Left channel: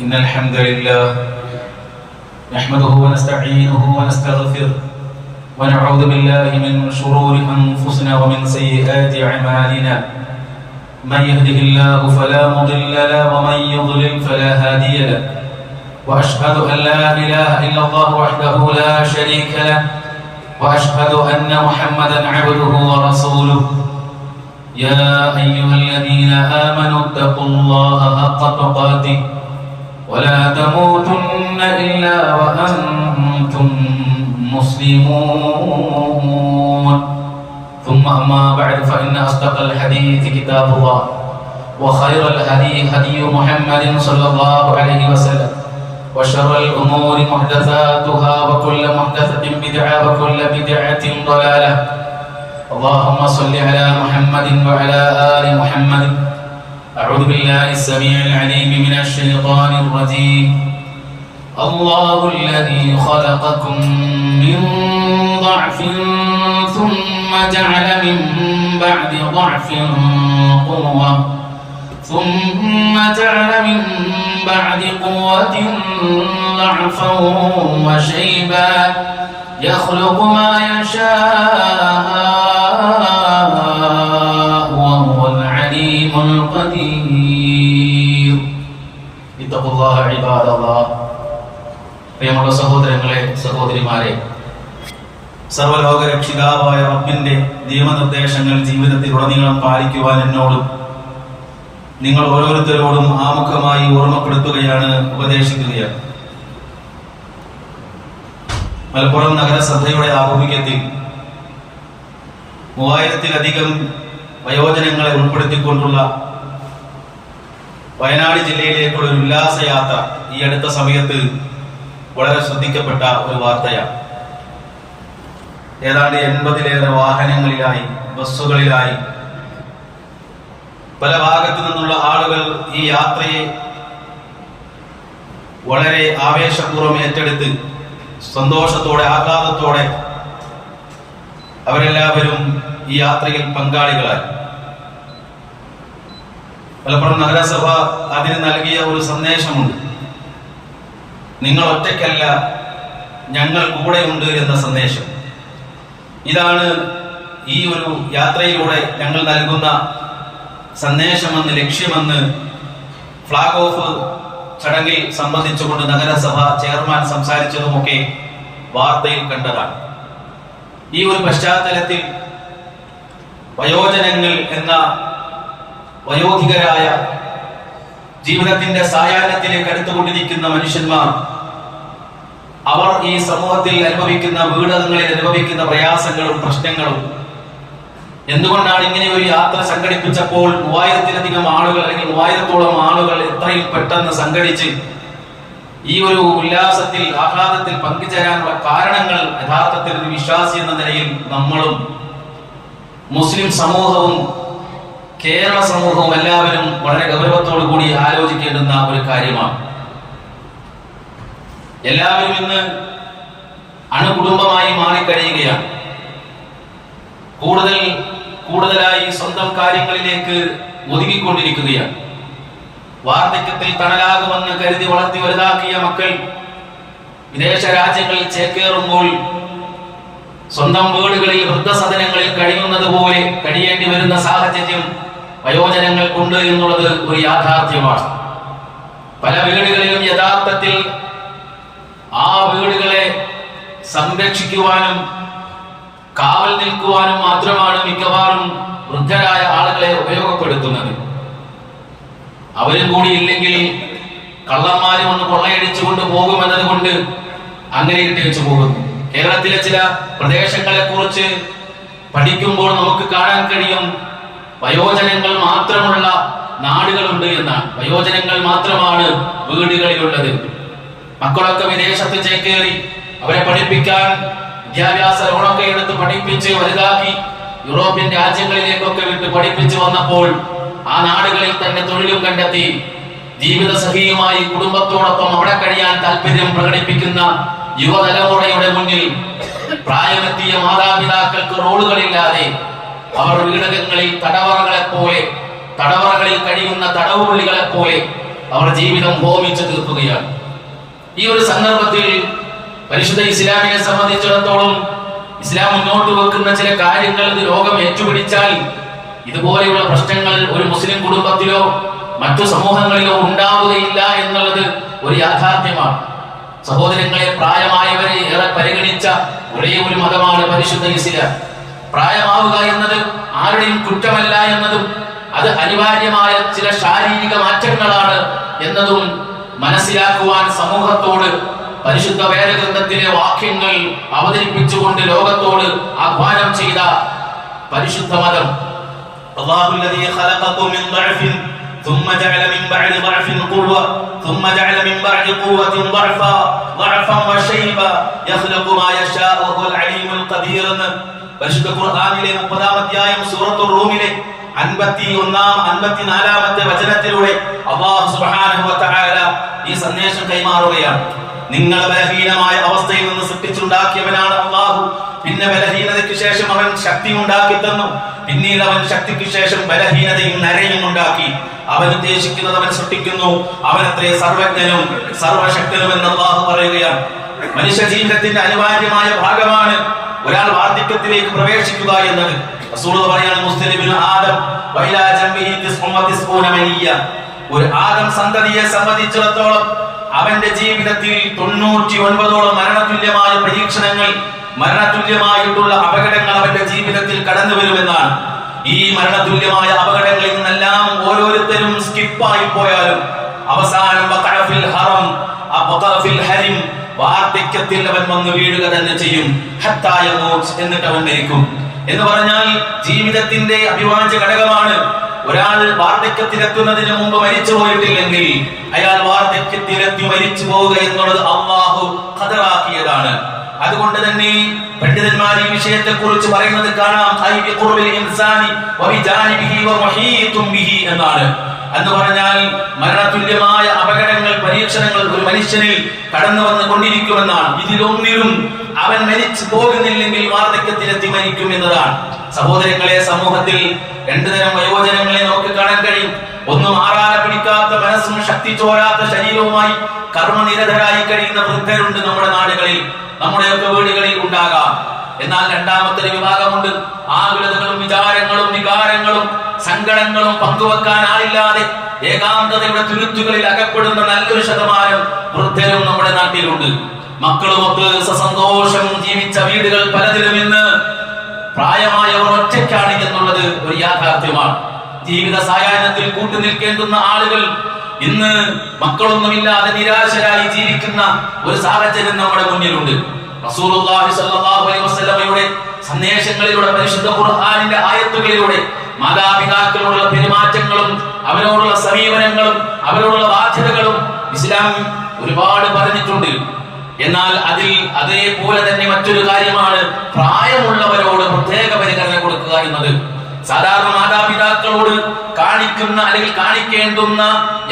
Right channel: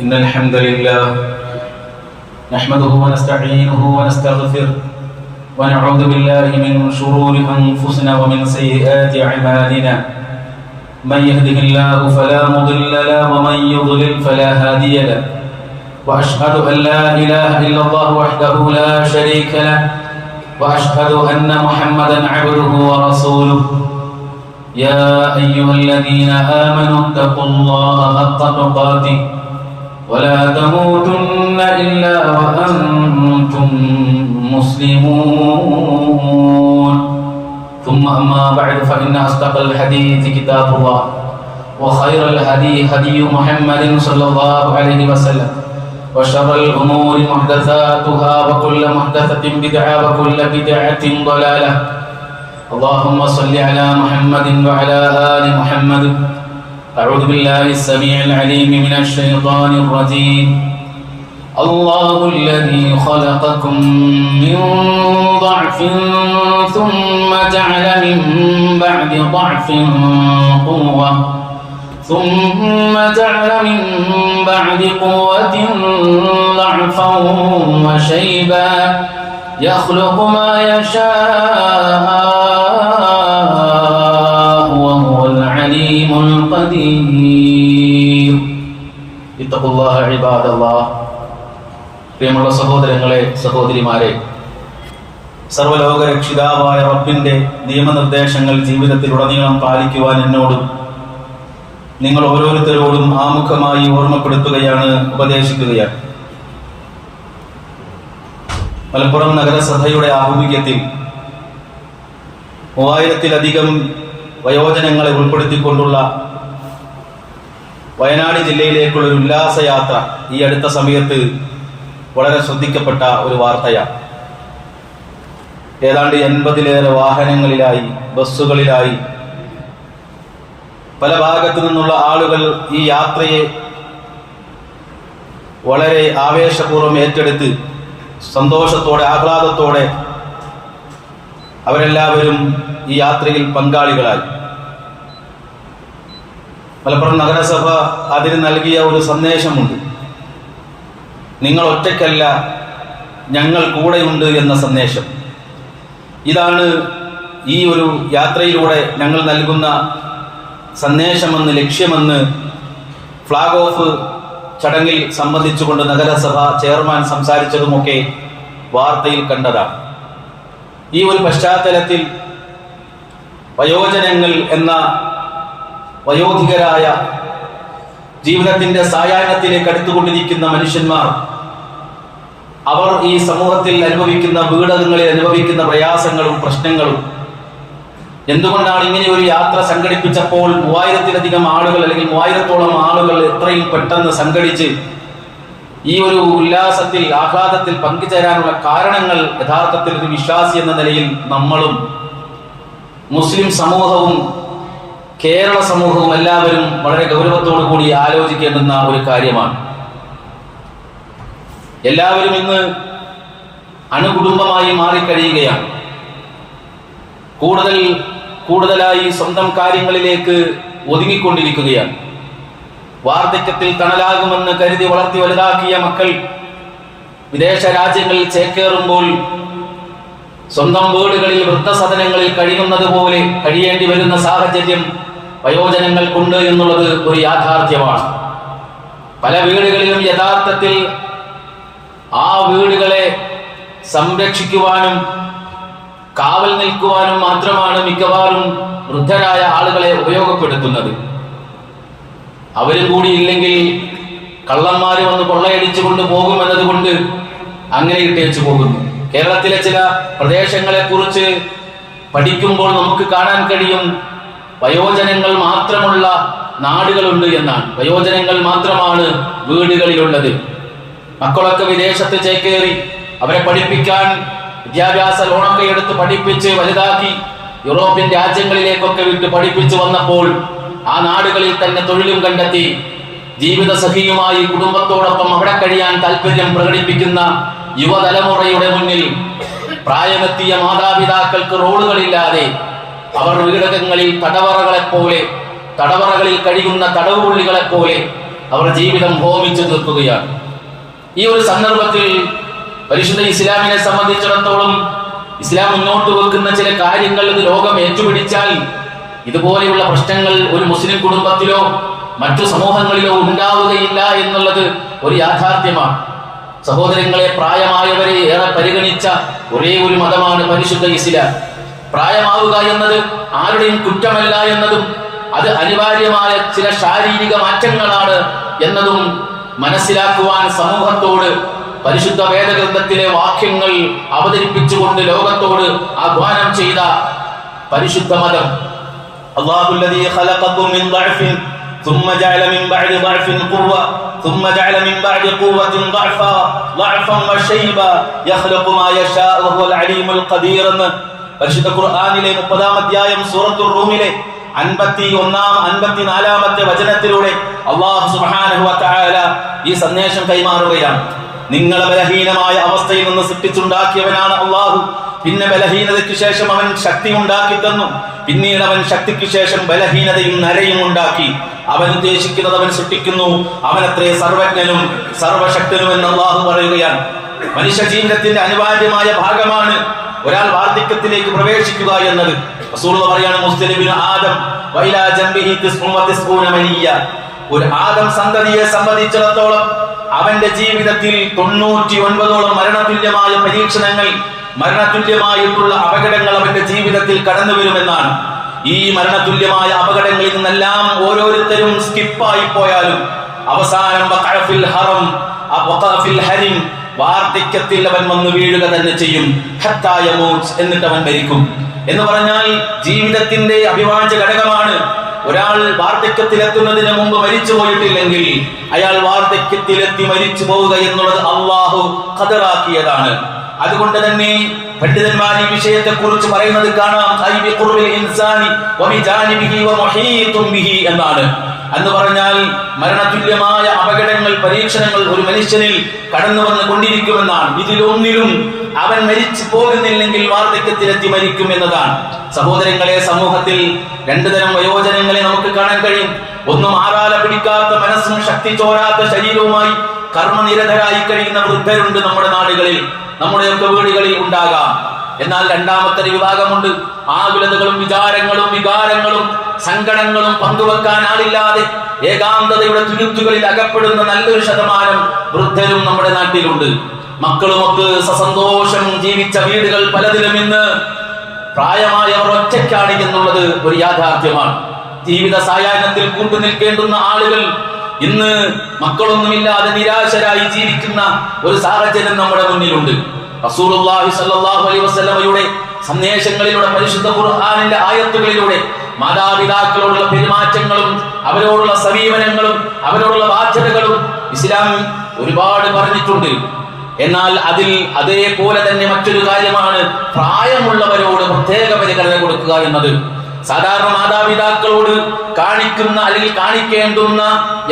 إن الحمد لله نحمده ونستعينه ونستغفره ونعوذ بالله من شرور أنفسنا ومن سيئات أعمالنا من يهده الله فلا مضل له ومن يضلل فلا هادي له وأشهد أن لا إله إلا الله وحده لا شريك له وأشهد أن محمدا عبده ورسوله يا أيها الذين آمنوا اتقوا الله حق تقاته ولا تموتن إلا وأنتم مسلمون ثم أما بعد فإن أصدق الحديث كتاب الله وخير الهدي هدي محمد صلى الله عليه وسلم وشر الأمور محدثاتها وكل محدثة بدعة وكل بدعة ضلالة اللهم صل على محمد وعلى آل محمد أعوذ بالله السميع العليم من الشيطان الرجيم الله الذي خلقكم من ضعف ثم جعل من بعد ضعف قوة ثم جعل من بعد قوة ضعفا وشيبا يخلق ما يشاء وهو العليم القدير اتقوا الله عباد الله പ്രിയമുള്ള സഹോദരങ്ങളെ സഹോദരിമാരെ, സർവ്വലോക രക്ഷിതാവായ റബ്ബിന്റെ നിയമനിർദ്ദേശങ്ങൾ ജീവിതത്തിലുടനീളം പാലിക്കുവാൻ എന്നോടും നിങ്ങൾ ഓരോരുത്തരോടും ആമുഖമായി ഓർമ്മപ്പെടുത്തുകയാണ്, ഉപദേശിക്കുകയാണ്. മലപ്പുറം നഗരസഭയുടെ ആഭിമുഖ്യത്തിൽ 3000-ലധികം വയോജനങ്ങളെ ഉൾപ്പെടുത്തിക്കൊണ്ടുള്ള വയനാട് ജില്ലയിലേക്കുള്ള ഒരു ഉല്ലാസയാത്ര ഈ അടുത്ത സമയത്ത് വളരെ ശ്രദ്ധിക്കപ്പെട്ട ഒരു വാർത്തയാണ്. ഏതാണ്ട് 80-ലേറെ വാഹനങ്ങളിലായി, ബസ്സുകളിലായി പല ഭാഗത്തു നിന്നുള്ള ആളുകൾ ഈ യാത്രയെ വളരെ ആവേശപൂർവ്വം ഏറ്റെടുത്ത് സന്തോഷത്തോടെ, ആഹ്ലാദത്തോടെ അവരെല്ലാവരും ഈ യാത്രയിൽ പങ്കാളികളായി. മലപ്പുറം നഗരസഭ അതിന് നൽകിയ ഒരു സന്ദേശമുണ്ട്. നിങ്ങൾ ഒറ്റയ്ക്കല്ല, ഞങ്ങൾ കൂടെയുണ്ട് എന്ന സന്ദേശം. ഇതാണ് ഈ ഒരു യാത്രയിലൂടെ ഞങ്ങൾ നൽകുന്ന സന്ദേശമെന്ന്, ലക്ഷ്യമെന്ന് ഫ്ലാഗ് ഓഫ് ചടങ്ങിൽ സംബന്ധിച്ചുകൊണ്ട് നഗരസഭ ചെയർമാൻ സംസാരിച്ചതുമൊക്കെ വാർത്തയിൽ കണ്ടതാണ്. ഈ ഒരു പശ്ചാത്തലത്തിൽ വയോജനങ്ങൾ എന്ന വയോധികരായ ജീവിതത്തിന്റെ സായാഹ്നത്തിലേക്ക് അടുത്തുകൊണ്ടിരിക്കുന്ന മനുഷ്യന്മാർ, അവർ ഈ സമൂഹത്തിൽ അനുഭവിക്കുന്ന, വീടകങ്ങളിൽ അനുഭവിക്കുന്ന പ്രയാസങ്ങളും പ്രശ്നങ്ങളും, എന്തുകൊണ്ടാണ് ഇങ്ങനെ ഒരു യാത്ര സംഘടിപ്പിച്ചപ്പോൾ 3000-ലധികം ആളുകൾ അല്ലെങ്കിൽ 3000-ഓളം ആളുകൾ എത്രയും പെട്ടെന്ന് സംഘടിച്ച് ഈ ഒരു ഉല്ലാസത്തിൽ, ആഹ്ലാദത്തിൽ പങ്കുചേരാനുള്ള കാരണങ്ങൾ യഥാർത്ഥത്തിൽ ഒരു വിശ്വാസി എന്ന നിലയിൽ നമ്മളും മുസ്ലിം സമൂഹവും കേരള സമൂഹവും എല്ലാവരും വളരെ ഗൗരവത്തോടു കൂടി ആലോചിക്കേണ്ടുന്ന ഒരു കാര്യമാണ്. എല്ലാവരും ഇന്ന് അണുകുടുംബമായി മാറിക്കഴിയുകയാണ്. കൂടുതലായി സ്വന്തം കാര്യങ്ങളിലേക്ക് ഒതുങ്ങിക്കൊണ്ടിരിക്കുകയാണ്. വാർദ്ധക്യത്തിൽ തണലാകുമെന്ന് കരുതി വളർത്തി വലുതാക്കിയ മക്കൾ വിദേശ രാജ്യങ്ങളിൽ ചേക്കേറുമ്പോൾ സ്വന്തം വീടുകളിൽ, വൃദ്ധസദനങ്ങളിൽ കഴിയുന്നത് പോലെ കഴിയേണ്ടി വരുന്ന സാഹചര്യം വയോജനങ്ങൾക്കുണ്ട് എന്നുള്ളത് ഒരു യാഥാർത്ഥ്യമാണ്. പല വീടുകളിലും യഥാർത്ഥത്തിൽ ആ വീടുകളെ സംരക്ഷിക്കുവാനും കാവൽ നിൽക്കുവാനും മാത്രമാണ് മിക്കവാറും വൃദ്ധരായ ആളുകളെ ഉപയോഗപ്പെടുത്തുന്നത്. അവരും കൂടി ഇല്ലെങ്കിൽ കള്ളന്മാര് വന്ന് കൊള്ളയടിച്ചു കൊണ്ട് പോകുമെന്നത് കൊണ്ട് അങ്ങനെ ഇട്ടേച്ചു പോകുന്നു. കേരളത്തിലെ ചില പ്രദേശങ്ങളെ കുറിച്ച് പഠിക്കുമ്പോൾ നമുക്ക് കാണാൻ കഴിയും, വയോജനങ്ങൾ മാത്രമുള്ള നാടുകളുണ്ട് എന്നാണ്. വയോജനങ്ങൾ മാത്രമാണ് വീടുകളിലുള്ളത്. മക്കളൊക്കെ വിദേശത്ത് ചേക്കേറി അവരെ പഠിപ്പിക്കാൻ വിദ്യാഭ്യാസ ലോണൊക്കെ എടുത്ത് പഠിപ്പിച്ച് വലുതാക്കി യൂറോപ്യൻ രാജ്യങ്ങളിലേക്കൊക്കെ വിട്ട് പഠിപ്പിച്ചു വന്നപ്പോൾ ആ നാടുകളിൽ തന്നെ തൊഴിലും കണ്ടെത്തി ജീവിത സഖിയുമായി കുടുംബത്തോടൊപ്പം അവിടെ കഴിയാൻ താല്പര്യം പ്രകടിപ്പിക്കുന്ന യുവതലമുറയുടെ മുന്നിൽ പ്രായമെത്തിയ മാതാപിതാക്കൾക്ക് റോളുകളില്ലാതെ അവർ വീടകങ്ങളിൽ തടവറകളിൽ കഴിയുന്ന തടവുപുള്ളികളെ പോലെ അവർ ജീവിതം ഹോമിച്ചു തീർക്കുകയാണ്. ഈ ഒരു സന്ദർഭത്തിൽ പരിശുദ്ധ ഇസ്ലാമിനെ സംബന്ധിച്ചിടത്തോളം ഇസ്ലാം മുന്നോട്ട് വെക്കുന്ന ചില കാര്യങ്ങൾ ഇത് ലോകം ഏറ്റുപിടിച്ചാൽ ഇതുപോലെയുള്ള പ്രശ്നങ്ങൾ ഒരു മുസ്ലിം കുടുംബത്തിലോ മറ്റു സമൂഹങ്ങളിലോ ഉണ്ടാവുകയില്ല എന്നുള്ളത് ഒരു യാഥാർത്ഥ്യമാണ്. സഹോദരങ്ങളെ, പ്രായമായവരെ ഏറെ പരിഗണിച്ച ഒരേ ഒരു മതമാണ് പരിശുദ്ധ ഇസ്ലാം. പ്രായമാവുക എന്നത് ആരുടെയും കുറ്റമല്ല എന്നതും അത് അനിവാര്യമായ ചില ശാരീരിക മാറ്റങ്ങളാണ് എന്നതും മനസ്സിലാക്കുവാൻ സമൂഹത്തോട് പരിശുദ്ധ വേദഗ്രന്ഥത്തിലെ വാക്യങ്ങൾ അവതരിപ്പിച്ചുകൊണ്ട് ലോകത്തോട് ആഹ്വാനം ചെയ്ത പരിശുദ്ധ മതം. അല്ലാഹുല്ലദീ ഖലഖകും മിൻ ദഅഫിൻ ثم جعل من بعد ضعف قوة ثم جعل من بعد قوة ضعفا وشيبا يخلق ما يشاء وهو العليم القدير. പരിശുദ്ധ ഖുർആനിലെ 30-ാം അധ്യായം സൂറത്തുർ റൂമിലെ 54-ാമത്തെ വചനത്തിലൂടെ അല്ലാഹു സുബ്ഹാനഹു വ തആല ഈ സന്ദേശം കൈമാറുകയാണ്. നിങ്ങളെ ബലഹീനമായ അവസ്ഥയിൽ നിന്ന് സൃഷ്ടിച്ചുണ്ടാക്കിയവനാണ് അല്ലാഹു. പിന്നെ ബലഹീനതയ്ക്ക് ശേഷം അവൻ ശക്തി ഉണ്ടാക്കി തന്നു. പിന്നീട് അവൻ ശക്തിക്ക് ശേഷം ബലഹീനതയും നരയും ഉണ്ടാക്കി. അവൻ ഉദ്ദേശിക്കുന്നത് അവൻ സൃഷ്ടിക്കുന്നു. അവനത്രേ സർവജ്ഞനും സർവശക്തനും എന്ന് അല്ലാഹു പറയുകയാണ്. മനുഷ്യ ജീവിതത്തിന്റെ അനിവാര്യമായ ഭാഗമാണ് ഒരാൾ വാർദ്ധക്യത്തിലേക്ക് പ്രവേശിക്കുക എന്നത്. റസൂൽ പറയാണ്, മുസ്ലിമിൻ ആദം വഇലാ ജംബിഹി 99 മനിയ്യ. ഒരു ആദം സന്തതിയെ സംബന്ധിച്ചിടത്തോളം അവന്റെ ജീവിതത്തിൽ 99ഓളം മരണതുല്യമായ പരീക്ഷണങ്ങൾ, മരണതുല്യമായിട്ടുള്ള അപകടങ്ങൾ അവന്റെ ജീവിതത്തിൽ കടന്നു വരുമെന്നാണ്. ഈ മരണതുല്യമായ അപകടങ്ങളിൽ നിന്നെല്ലാം ഓരോരുത്തരും സ്കിപ്പായി പോയാലും അവസാനം വാർദ്ധക്യത്തിൽ അവൻ വന്ന് വീഴുക തന്നെ ചെയ്യും. എന്നിട്ട് അവൻ മരിക്കും എന്ന് പറഞ്ഞാൽ ജീവിതത്തിന്റെ അഭിവാജ്യ ഘടകമാണ്. ഒരാൾ വാർദ്ധക്യത്തിലെത്തുന്നതിന് മുമ്പ് മരിച്ചു പോയിട്ടില്ലെങ്കിൽ അയാൾ വാർദ്ധക്യത്തിലെത്തി മരിച്ചു പോവുക എന്നുള്ളത് അല്ലാഹു ഖദറാക്കിയതാണ്. അതുകൊണ്ട് തന്നെ പണ്ഡിതന്മാർ ഈ വിഷയത്തെ കുറിച്ച് പറയുന്നത് കാണാം, എന്നാണ്. എന്ന് പറഞ്ഞാൽ മരണതുല്യമായ അപകടങ്ങൾ, പരീക്ഷണങ്ങൾ ഒരു മനുഷ്യനിൽ കടന്നു വന്നുകൊണ്ടിരിക്കുമെന്നാണ്. ഇതിലൊന്നിലും അവൻ മരിച്ചു പോകുന്നില്ലെങ്കിൽ വാർദ്ധക്യത്തിലെത്തി മരിക്കും എന്നതാണ്. സഹോദരങ്ങളെ, സമൂഹത്തിൽ രണ്ടു തരം വയോജനങ്ങളെ നമുക്ക് കാണാൻ കഴിയും. ഒന്നും ആരാല പിടിക്കാത്ത മനസ്സും ശക്തി ചോരാത്ത ശരീരവുമായി കർമ്മനിരതരായി കഴിയുന്ന വൃദ്ധരുണ്ട് നമ്മുടെ നാടുകളിൽ, നമ്മുടെയൊക്കെ വീടുകളിൽ ഉണ്ടാകാം. എന്നാൽ രണ്ടാമത്തെ വിഭാഗമുണ്ട്. ആകുലതകളും വിചാരങ്ങളും വികാരങ്ങളും സങ്കടങ്ങളും പങ്കുവെക്കാൻ ആളില്ലാതെ ഏകാന്തതയുടെ തുരുത്തുകളിൽ അകപ്പെടുന്ന നല്ലൊരു ശതമാനം വൃദ്ധരും നമ്മുടെ നാട്ടിലുണ്ട്. മക്കളുമൊക്കെ സസന്തോഷം ജീവിച്ച വീടുകൾ പലതിലും ഇന്ന് പ്രായമായവർ ഒറ്റയ്ക്കാണ് എന്നുള്ളത് ഒരു യാഥാർത്ഥ്യമാണ്. ജീവിത സായാഹ്നത്തിൽ കൂട്ടുനിൽക്കേണ്ടുന്ന ആളുകൾ ഇന്ന് മക്കളൊന്നുമില്ലാതെ നിരാശരായി ജീവിക്കുന്ന ഒരു സാഹചര്യം നമ്മുടെ മുന്നിലുണ്ട്. റസൂലുള്ളാഹി സ്വല്ലല്ലാഹു അലൈഹി വസല്ലമയുടെ സന്ദേശങ്ങളിലൂടെ, പരിശുദ്ധ ഖുർആനിന്റെ ആയത്തുകളിലൂടെ മാതാപിതാക്കളോടുള്ള പെരുമാറ്റങ്ങളും അവരോടുള്ള സമീപനങ്ങളും അവരോടുള്ള ബാധ്യതകളും ഇസ്ലാം ഒരുപാട് പറഞ്ഞിട്ടുണ്ട്. എന്നാൽ അതിൽ അതേപോലെ തന്നെ മറ്റൊരു കാര്യമാണ് പ്രായമുള്ളവരോട് പ്രത്യേക പരിഗണന കൊടുക്കുക എന്നത്. സാധാരണ മാതാപിതാക്കളോട് കാണിക്കുന്ന അല്ലെങ്കിൽ കാണിക്കേണ്ടുന്ന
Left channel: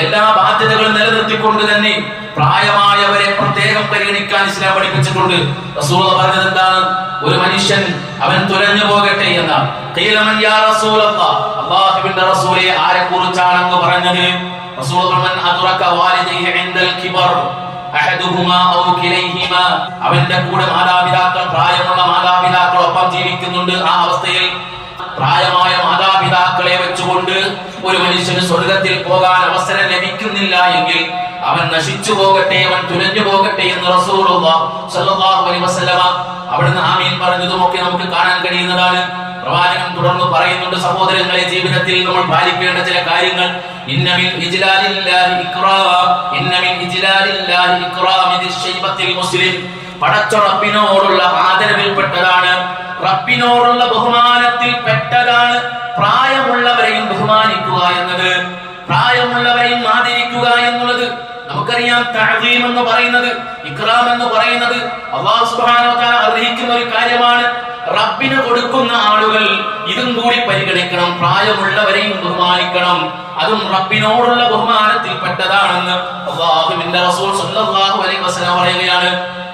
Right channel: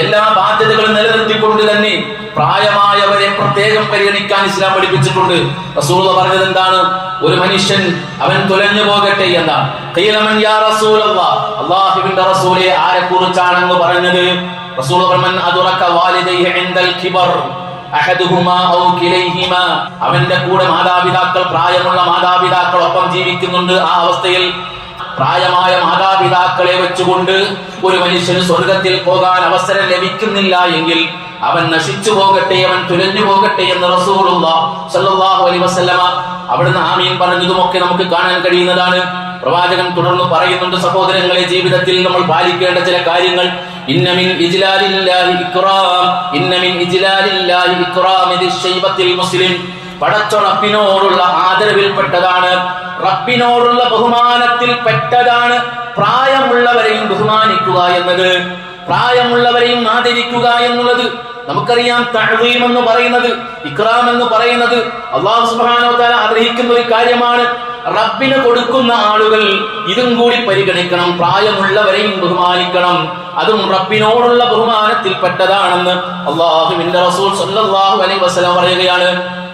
എല്ലാ ബാധ്യതകളും നിലനിർത്തിക്കൊണ്ട് തന്നെ പ്രായമായവരെ പ്രത്യേകം പരിഗണിക്കാൻ ഇസ്ലാം പഠിപ്പിച്ചിട്ടുണ്ട്. റസൂൽ പറഞ്ഞത് എന്താണ്? ഒരു മനുഷ്യൻ അവൻ തുലഞ്ഞു പോകട്ടെ എന്നാണ്. അല്ലാഹുവിന്റെ റസൂലേ, ആരെ കുറിച്ചാണെന്ന് പറഞ്ഞത്? റസൂൽ അവന്റെ കൂടെ മാതാപിതാക്കൾ, പ്രായമുള്ള മാതാപിതാക്കളൊപ്പം ജീവിക്കുന്നുണ്ട്. ആ അവസ്ഥയിൽ പ്രായമായ മാതാപിതാക്കളെ വെച്ചുകൊണ്ട് ഒരു മനുഷ്യന് സ്വർഗത്തിൽ പോകാൻ അവസരം ലഭിക്കുന്നില്ല എങ്കിൽ അവൻ നശിച്ചു പോകട്ടെ, അവൻ തുലഞ്ഞു പോകട്ടെ എന്ന് റസൂലുള്ളാഹി സ്വല്ലല്ലാഹു അലൈഹി വസല്ലമ അവിടുന്ന് ആമീൻ പറഞ്ഞതുമൊക്കെ നമുക്ക് കാണാൻ കഴിയുന്നതാണ്. പ്രവാചകൻ തുടർന്ന് പറയുന്നുണ്ട്, സഹോദരങ്ങളെ, ജീവിതത്തിൽ നമ്മൾ പാലിക്കേണ്ട ചില കാര്യങ്ങൾ. ഇന്ന മിൻ ഇജ്ലാലില്ലാഹി ഇക്റാം, ഇന്ന മിൻ ഇജ്ലാലില്ലാഹി ഇക്റാം ദിശ്ശൈബത്തിൽ മുസ്ലിം. പടച്ച റബ്ബിനോടുള്ള ആദരവിൽപ്പെട്ടതാണ്, റബ്ബിനോടുള്ള ബഹുമാനത്തിൽ പെട്ടതാണ് പ്രായമുള്ളവരെയും ബഹുമാനിക്കുക എന്നത്, പ്രായമുള്ളവരെയും ആദരിക്കുക എന്നുള്ളത്. നമുക്കറിയാം, തഅ്ദീം എന്ന് പറയുന്നത്, ഇക്റാം എന്ന് പറയുന്നത് അല്ലാഹു സുബ്ഹാനഹു വ തആല അർഹിക്കുന്ന ഒരു കാര്യമാണ്. റബ്ബിന് കൊടുക്കുന്ന ആളുകൾ ഇതും കൂടി പരിഗണിക്കണം, പ്രായമുള്ളവരെയും ബഹുമാനിക്കണം. അതും റബ്ബിനോടുള്ള ബഹുമാനത്തിൽപ്പെട്ടതാണെന്ന് അല്ലാഹുവിന്റെ റസൂൽ സ്വല്ലല്ലാഹു അലൈഹി വസല്ലം പറയുകയാണ്.